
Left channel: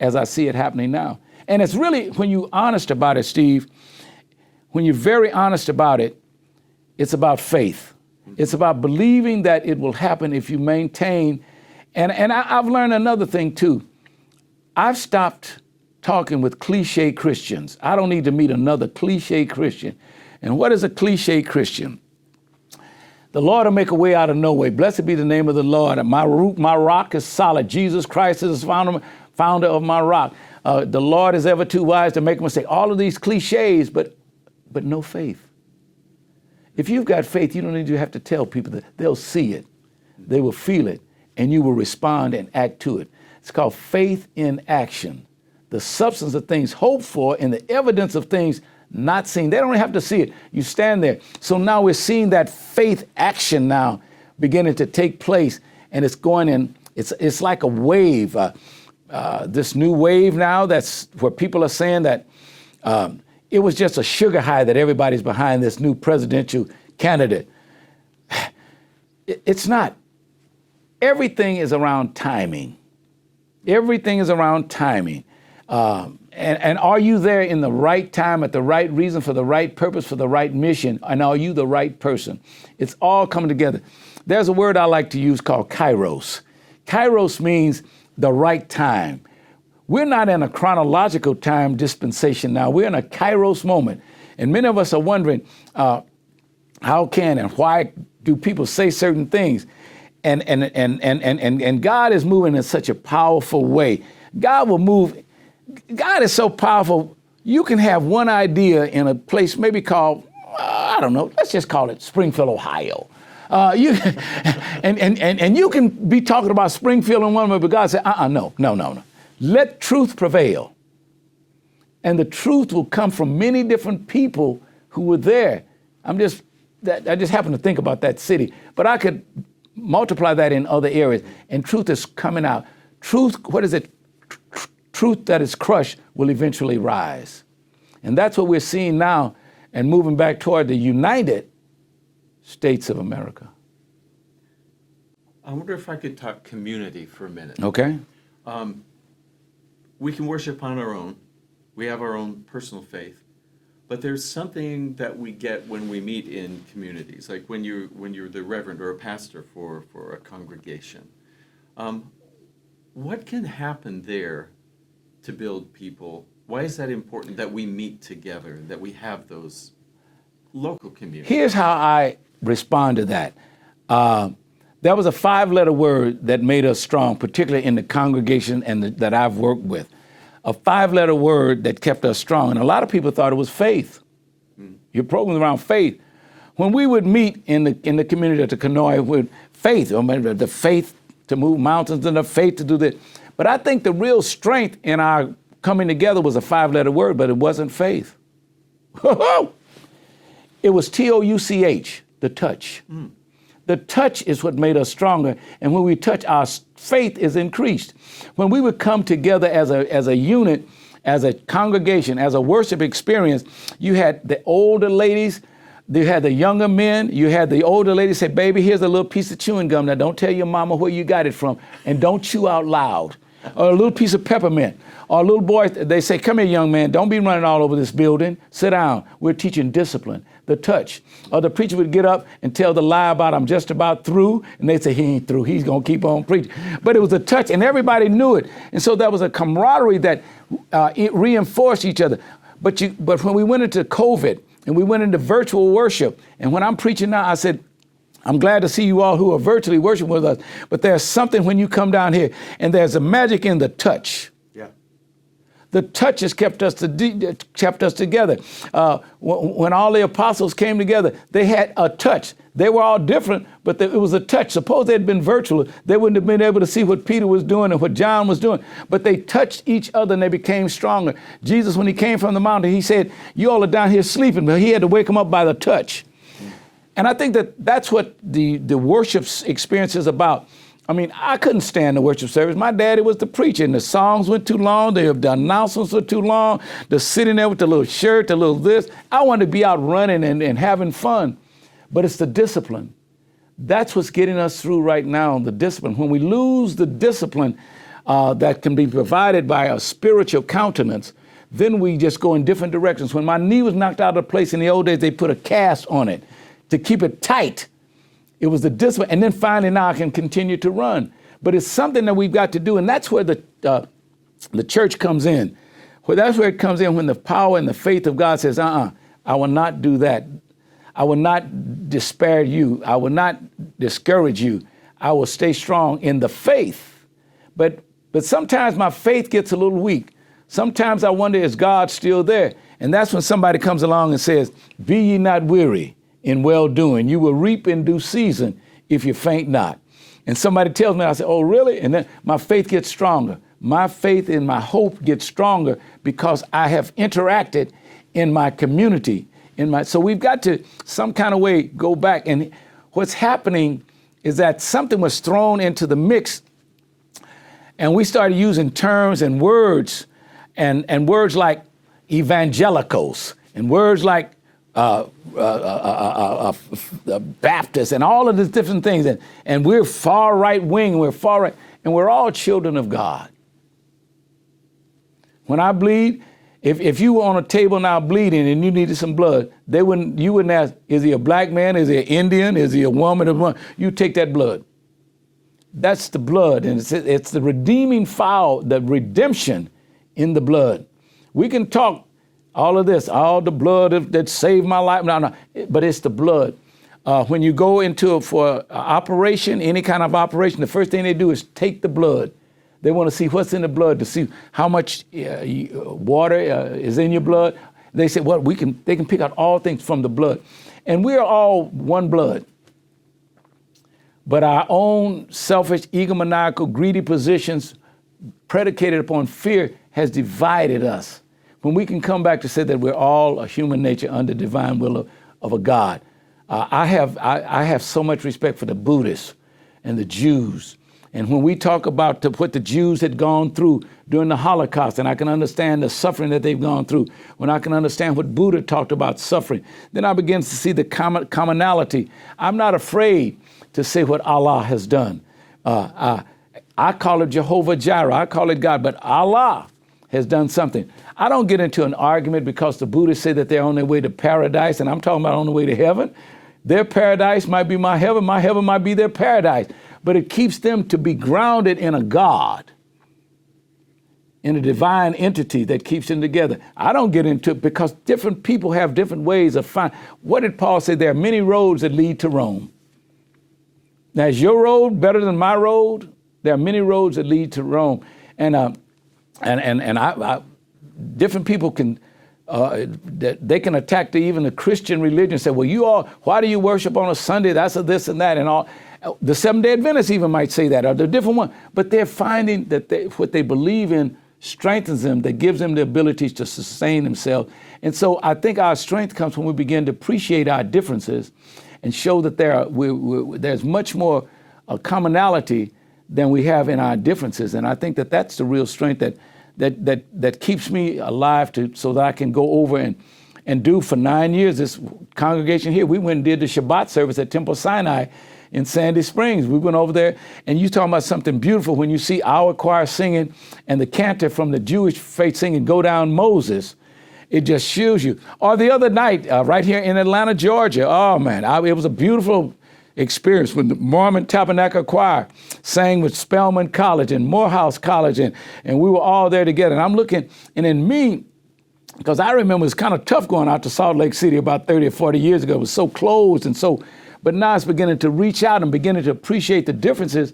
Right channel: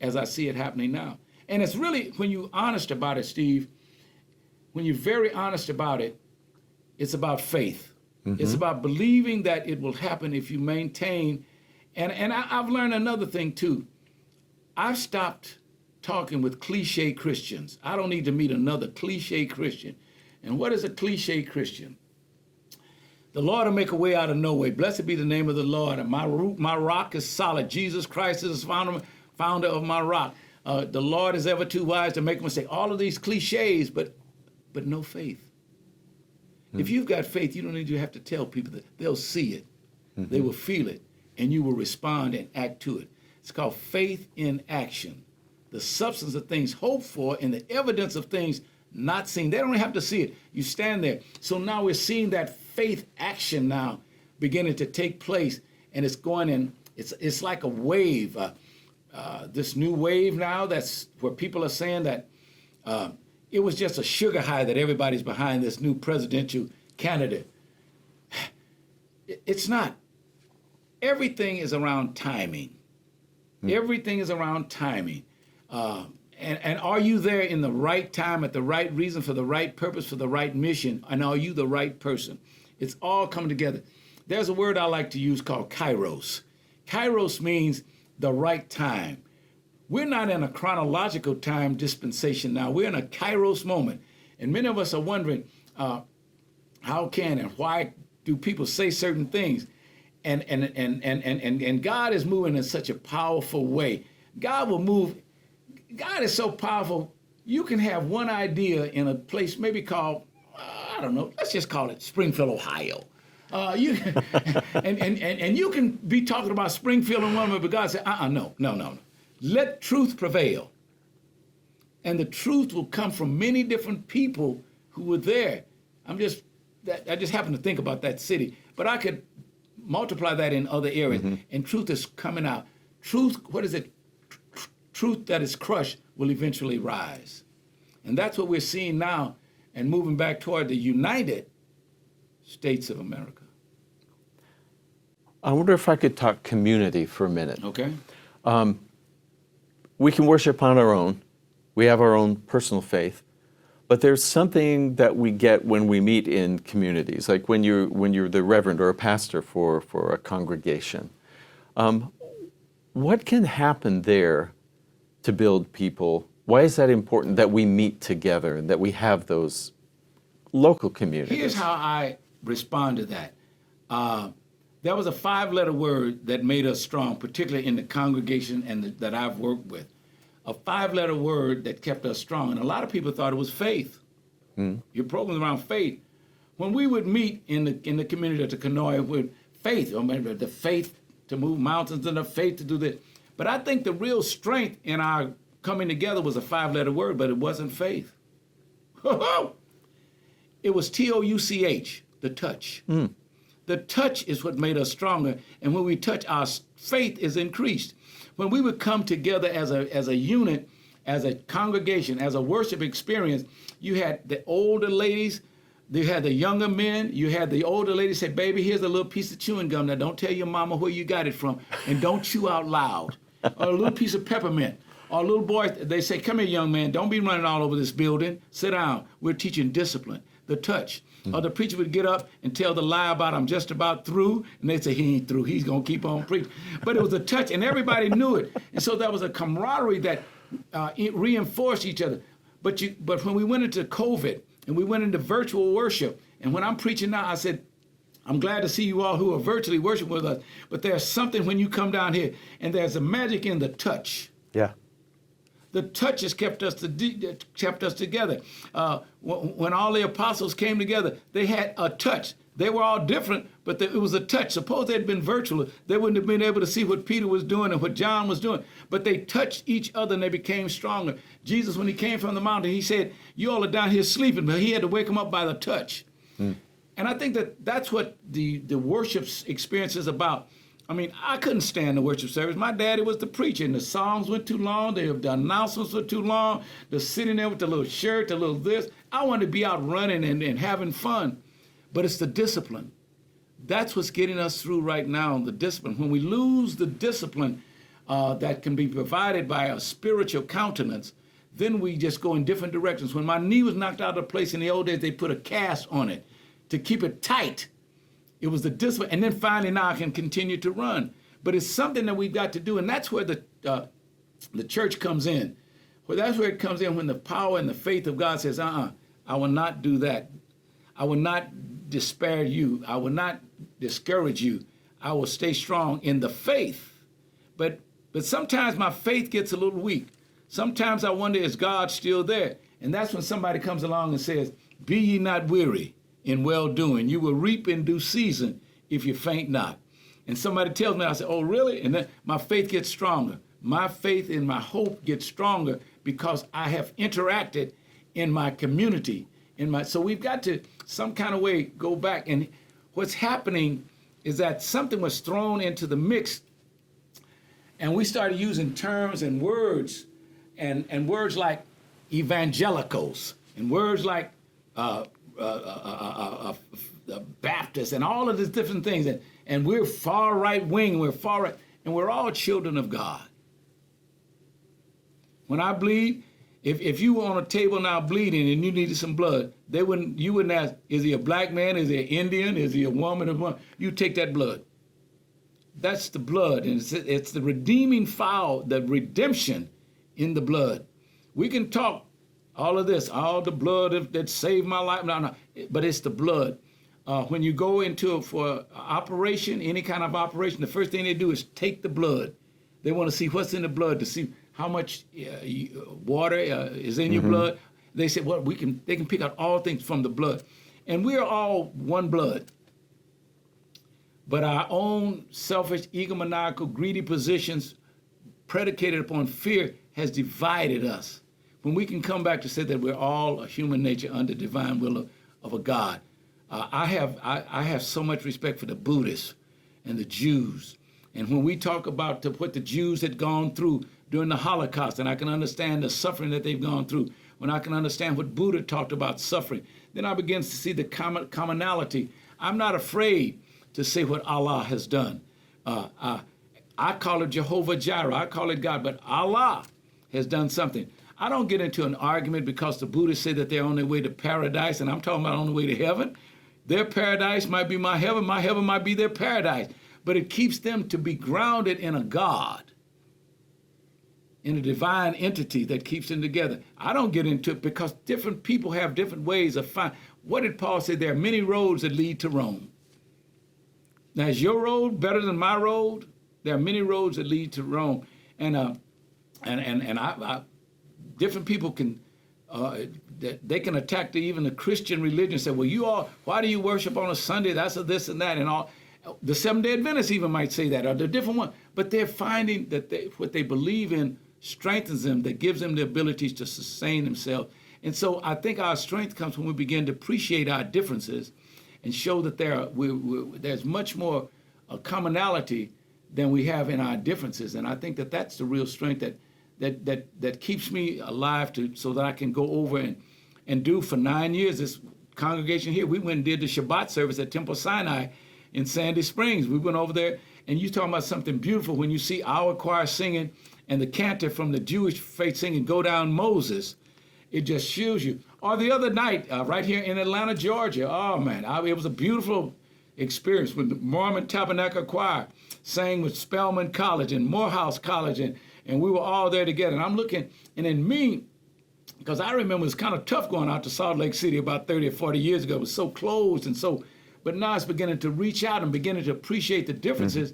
as I see it happening now. And it's really, when you're honest about it, Steve, when you're very honest about it, it's about faith. It's about believing that it will happen if you maintain. And I've learned another thing too. I've stopped talking with cliche Christians. I don't need to meet another cliche Christian. And what is a cliche Christian? The Lord will make a way out of no way. Blessed be the name of the Lord. And my rock is solid. Jesus Christ is the founder of my rock. The Lord is ever too wise to make a mistake. All of these cliches, but no faith. If you've got faith, you don't need to have to tell people that. They'll see it. They will feel it, and you will respond and act to it. It's called faith in action. The substance of things hoped for and the evidence of things not seen. They don't have to see it. You stand there. So now we're seeing that faith action now beginning to take place, and it's going in. It's like a wave. This new wave now, that's where people are saying that it was just a sugar high that everybody's behind this new presidential candidate. It's not. Everything is around timing. Everything is around timing. And are you there in the right time, at the right reason, for the right purpose, for the right mission? And are you the right person? It's all coming together. There's a word I like to use called kairos. Kairos means the right time. We're not in a chronological time dispensation now. We're in a kairos moment. And many of us are wondering, how can and why do people say certain things? And God is moving in such a powerful way. God will move. God is so powerful. You can have one idea in a place maybe called, I don't know, let's just call it Springfield, Ohio. You can be talking about Springfield in one way, but God said, no. Let truth prevail. And the truth will come from many different people who were there. I just happen to think about that city, but I could multiply that in other areas. And truth is coming out. Truth, what is it? Truth that is crushed will eventually rise. And that's what we're seeing now, and moving back toward the United States of America. I wonder if I could talk community for a minute. Okay. We can worship on our own. We have our own personal faith. But there's something that we get when we meet in communities, like when you're the reverend or a pastor for a congregation. What can happen there to build people? Why is that important that we meet together, that we have those local communities? Here's how I respond to that. There was a 5-letter word that made us strong, particularly in the congregation that I've worked with. A 5-letter word that kept us strong. And a lot of people thought it was faith. Your program's around faith. When we would meet in the community at the Kanoi with faith, I mean, the faith to move mountains and the faith to do this. But I think the real strength in our coming together was a 5-letter word, but it wasn't faith. It was TOUCH, the touch. The touch is what made us stronger. And when we touch, our faith is increased. When we would come together as a unit, as a congregation, as a worship experience, you had the older ladies, you had the younger men, you had the older ladies say, baby, here's a little piece of chewing gum. Now don't tell your mama where you got it from, and don't chew out loud. Or a little piece of peppermint. Or a little boy, they say, come here, young man, don't be running all over this building. Sit down. We're teaching discipline, the touch. Or the preacher would get up and tell the lie about, I'm just about through, and they'd say, he ain't through, he's gonna keep on preaching. But it was a touch, and everybody knew it. And so there was a camaraderie that it reinforced each other. But when we went into COVID, and we went into virtual worship, and when I'm preaching now, I said, I'm glad to see you all who are virtually worshiping with us, but there's something when you come down here, and there's a magic in the touch. Yeah. The touch has kept us together. When all the apostles came together, they had a touch. They were all different, but it was a touch. Suppose they'd been virtual, they wouldn't have been able to see what Peter was doing and what John was doing. But they touched each other and they became stronger. Jesus, when he came from the mountain, he said, you all are down here sleeping, but he had to wake them up by the touch. And I think that's what the worship experience is about. I mean, I couldn't stand the worship service. My daddy was the preacher, and the songs went too long. The announcements were too long. The sitting there with the little shirt, the little this. I wanted to be out running and having fun. But it's the discipline. That's what's getting us through right now, the discipline. When we lose the discipline that can be provided by a spiritual countenance, then we just go in different directions. When my knee was knocked out of place in the old days, they put a cast on it to keep it tight. It was the discipline. And then finally now I can continue to run. But it's something that we've got to do. And that's where the church comes in. Well, that's where it comes in when the power and the faith of God says, I will not do that. I will not despair you. I will not discourage you. I will stay strong in the faith. But sometimes my faith gets a little weak. Sometimes I wonder, is God still there? And that's when somebody comes along and says, be ye not weary in well-doing. You will reap in due season if you faint not. And somebody tells me, I say, oh, really? And then my faith gets stronger. My faith and my hope gets stronger because I have interacted in my community. So we've got to some kind of way go back. And what's happening is that something was thrown into the mix, and we started using terms and words like evangelicals and words like Baptist and all of these different things. And we're far right wing, we're far right, and we're all children of God. When I bleed, if you were on a table now bleeding and you needed some blood, you wouldn't ask, is he a black man? Is he an Indian? Is he a woman? You take that blood. That's the blood, and it's the redeeming foul, the redemption in the blood. We can talk all of this, all the blood that saved my life, no, but it's the blood. When you go for an operation, any kind of operation, the first thing they do is take the blood. They want to see what's in the blood, to see how much water is in your blood. They say, well, they can pick out all things from the blood. And we are all one blood. But our own selfish, egomaniacal, greedy positions predicated upon fear has divided us. When we can come back to say that we're all a human nature under divine will of a God. I have so much respect for the Buddhists and the Jews. And when we talk about what the Jews had gone through during the Holocaust, and I can understand the suffering that they've gone through, when I can understand what Buddha talked about suffering, then I begin to see the commonality. I'm not afraid to say what Allah has done. I call it Jehovah Jireh, I call it God, but Allah has done something. I don't get into an argument because the Buddhists say that they're on their way to paradise, and I'm talking about on the way to heaven. Their paradise might be my heaven might be their paradise. But it keeps them to be grounded in a God. in a divine entity that keeps them together. I don't get into it because different people have different ways of finding. What did Paul say? There are many roads that lead to Rome. Now, is your road better than my road? There are many roads that lead to Rome, and different people can they can attack even the Christian religion. Say, well, why do you worship on a Sunday? That's a this and that and all. The Seventh-day Adventists even might say that, or the different one. But they're finding that what they believe in strengthens them, that gives them the ability to sustain themselves. And so I think our strength comes when we begin to appreciate our differences and show that there's much more commonality than we have in our differences. And I think that that's the real strength that keeps me alive so that I can go over and do for 9 years. This congregation here, we went and did the Shabbat service at Temple Sinai in Sandy Springs. We went over there, and you talking about something beautiful when you see our choir singing and the cantor from the Jewish faith singing Go Down Moses. It just shows you. Or the other night, right here in Atlanta, Georgia, oh man, it was a beautiful experience when the Mormon Tabernacle Choir sang with Spelman College and Morehouse College, and we were all there together. And I'm looking, and in me, because I remember it was kind of tough going out to Salt Lake City about 30 or 40 years ago. It was so closed and so, but now it's beginning to reach out and beginning to appreciate the differences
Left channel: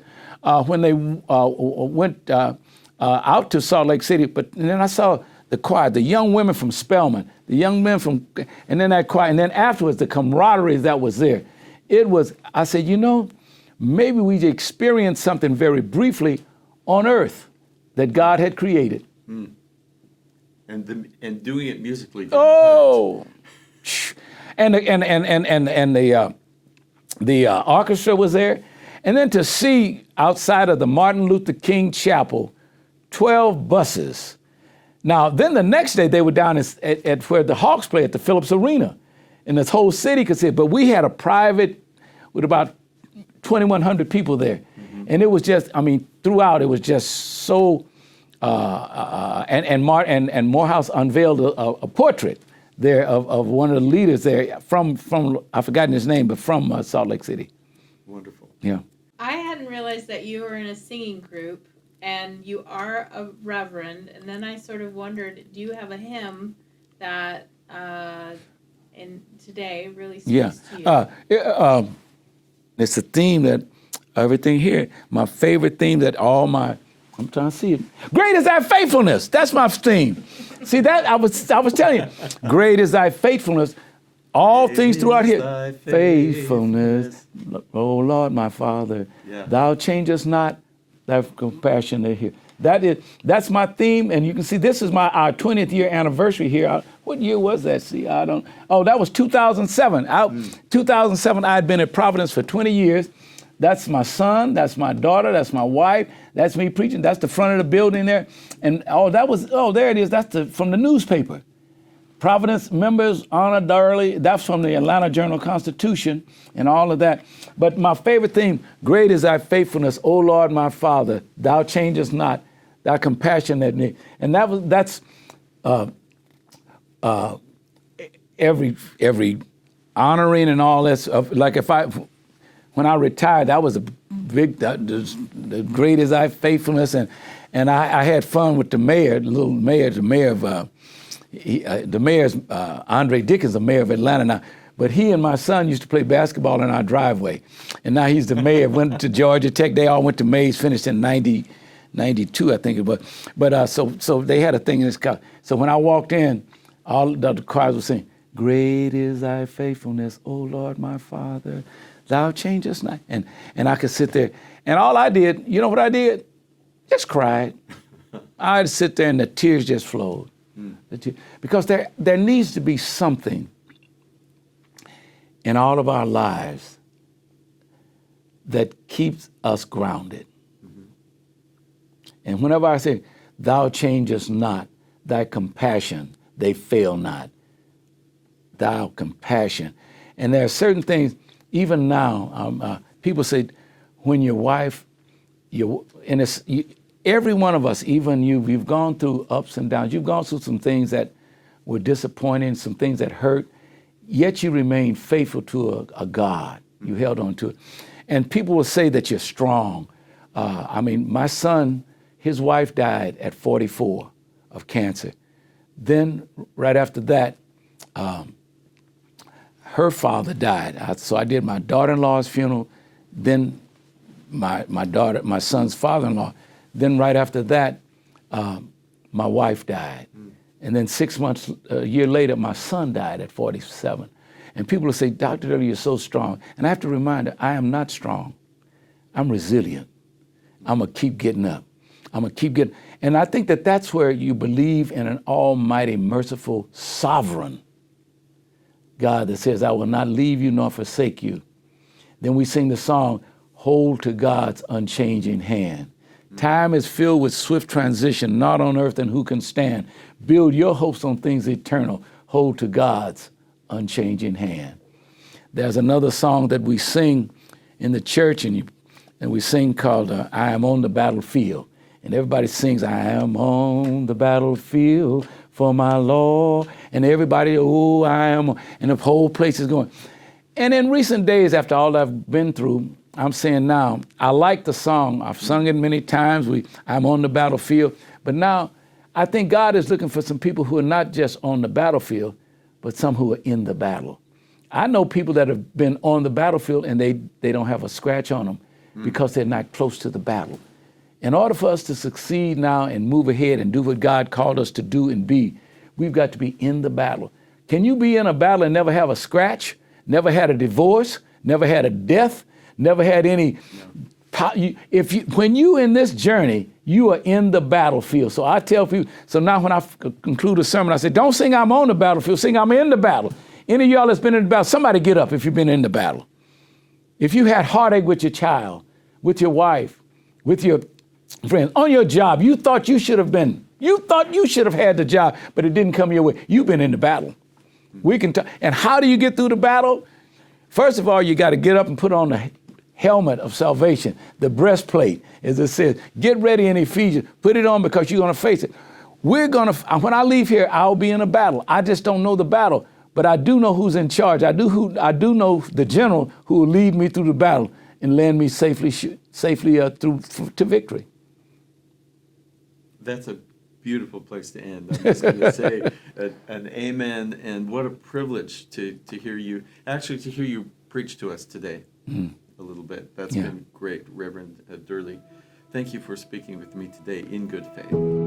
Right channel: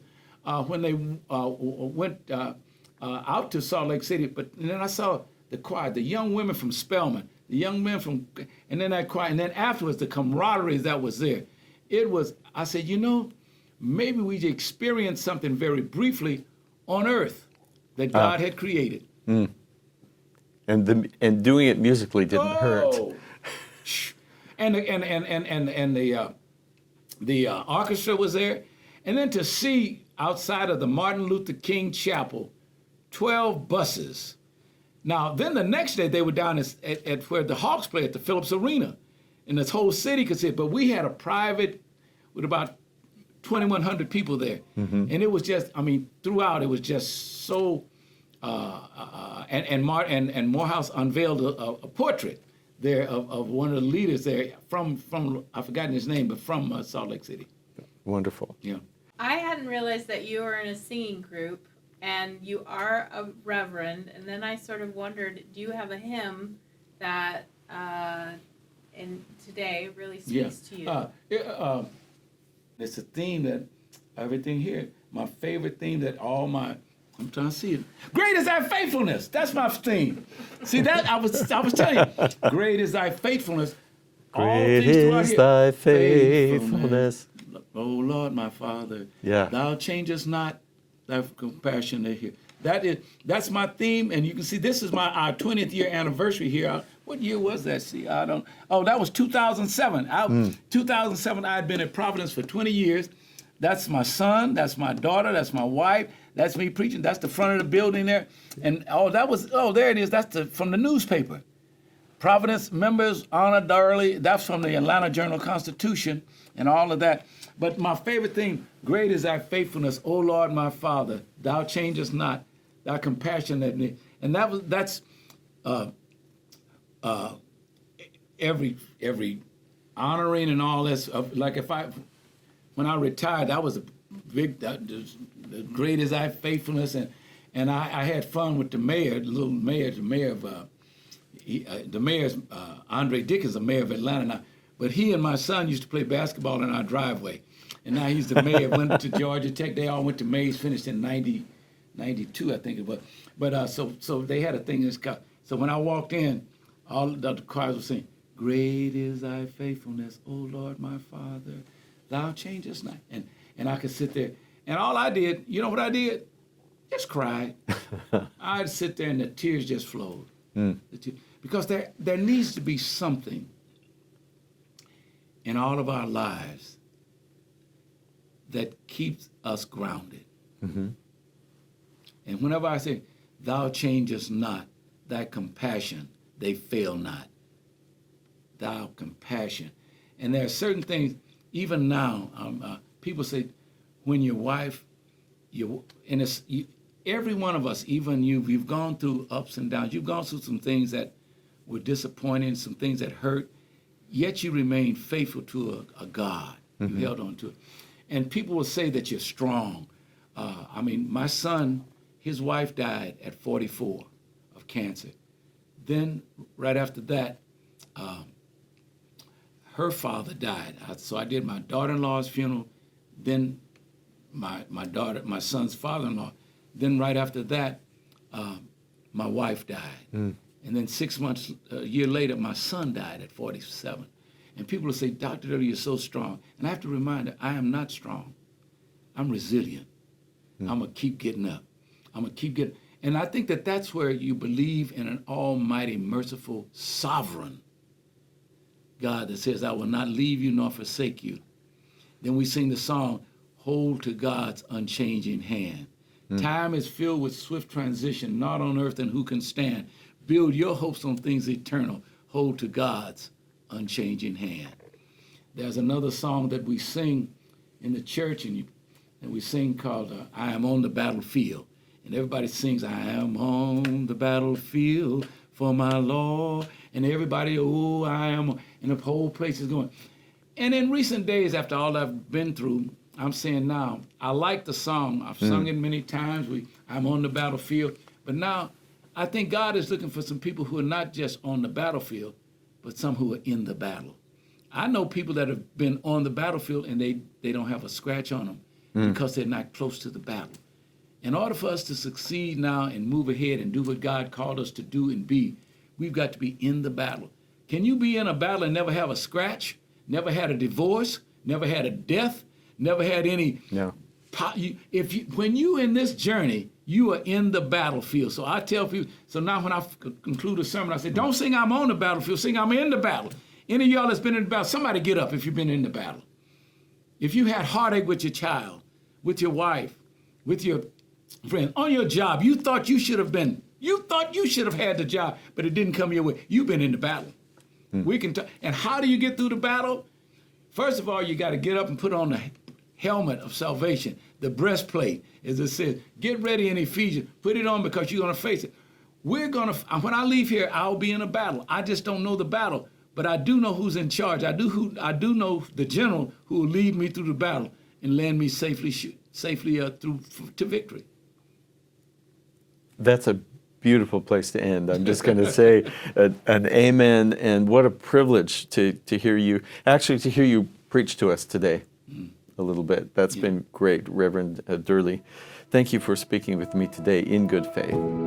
when they went out to Salt Lake City. But and then I saw the choir, the young women from Spelman, the young men from, and then that choir, and then afterwards the camaraderie that was there. It was, I said, maybe we experienced something very briefly on earth that God had created. Mm. And doing it musically didn't hurt. And the orchestra was there. And then to see outside of the Martin Luther King Chapel, 12 buses. Now, then the next day they were down at where the Hawks play at the Phillips Arena. And this whole city could see it. But we had a private with about 2,100 people there. Mm-hmm. And it was just, throughout it was just so, and Morehouse unveiled a portrait there of one of the leaders there from I've forgotten his name, but from Salt Lake City. Wonderful. Yeah. I hadn't realized that you were in a singing group and you are a reverend. And then I sort of wondered, do you have a hymn that in today really speaks to you? It's a theme that everything here, my favorite theme that I'm trying to see it. Great is thy faithfulness. That's my theme. See that? I was telling you. Great is thy faithfulness. All things throughout here. Thy faithfulness. Oh Lord, my Father. Yeah. Thou changest not thy compassion here. That's my theme, and you can see this is our 20th year anniversary here. What year was that? See, I don't. Oh, that was 2007. 2007, I had been at Providence for 20 years. That's my son. That's my daughter. That's my wife. That's me preaching. That's the front of the building there. And there it is. That's from the newspaper. Providence members, honor Durley. That's from the Atlanta Journal-Constitution and all of that. But my favorite theme, great is thy faithfulness, O Lord, my Father. Thou changest not, thy compassion that need. And that's every honoring and all that. Like when I retired, that was a big, the great is thy faithfulness. And I had fun with the mayor, the mayor of, the mayor's Andre Dickens, the mayor of Atlanta now, but he and my son used to play basketball in our driveway, and now he's the mayor. Went to Georgia Tech. They all went to Mays, finished in 92, I think it was. But so they had a thing in this car. So when I walked in, all the choirs were saying, "Great is thy faithfulness, O Lord, my Father, thou changest not." And I could sit there, and all I did, you know what I did? Just cried. I'd sit there, and the tears just flowed. Because there needs to be something in all of our lives that keeps us grounded. Mm-hmm. And whenever I say, thou changest not, thy compassion, they fail not. Thou compassion. And there are certain things, even now, people say, when your wife, every one of us, even you've gone through ups and downs. You've gone through some things that were disappointing, some things that hurt, yet you remain faithful to a God. Mm-hmm. You held on to it. And people will say that you're strong. My son, His wife died at 44 of cancer. Then, right after that, her father died. So I did my daughter-in-law's funeral, then my son's father-in-law. Then right after that, my wife died. And then 6 months, a year later, my son died at 47. And people will say, Dr. W, you're so strong. And I have to remind her, I am not strong. I'm resilient. I'm going to keep getting up. I'm going to keep getting. And I think that that's where you believe in an almighty, merciful, sovereign God that says, I will not leave you nor forsake you. Then we sing the song, Hold to God's unchanging hand. Time is filled with swift transition, not on earth and who can stand. Build your hopes on things eternal. Hold to God's unchanging hand. There's another song that we sing in the church, and we sing called I Am on the Battlefield. And everybody sings, I am on the battlefield for my Lord. And everybody, oh, I am, and the whole place is going. And in recent days, after all I've been through, I'm saying now, I like the song. I've sung it many times. I'm on the battlefield. But now, I think God is looking for some people who are not just on the battlefield, but some who are in the battle. I know people that have been on the battlefield and they don't have a scratch on them because they're not close to the battle. In order for us to succeed now and move ahead and do what God called us to do and be, we've got to be in the battle. Can you be in a battle and never have a scratch, never had a divorce, never had a death, never had any? No. When you in this journey, you are in the battlefield. So I tell people, so now when I conclude a sermon, I say, don't sing I'm on the battlefield, sing I'm in the battle. Any of y'all that's been in the battle, somebody get up if you've been in the battle. If you had heartache with your child, with your wife, with your friends, on your job, you thought you should have had the job, but it didn't come your way. You've been in the battle. We can and how do you get through the battle? First of all, you got to get up and put on the helmet of salvation, the breastplate, as it says. Get ready in Ephesians. Put it on because you're going to face it. When I leave here, I'll be in a battle. I just don't know the battle, but I do know who's in charge. I do know the general who will lead me through the battle and land me safely through to victory. That's a beautiful place to end. I'm just going to say an amen, and what a privilege to hear you preach to us today a little bit. That's been great, Reverend Durley. Thank you for speaking with me today in good faith.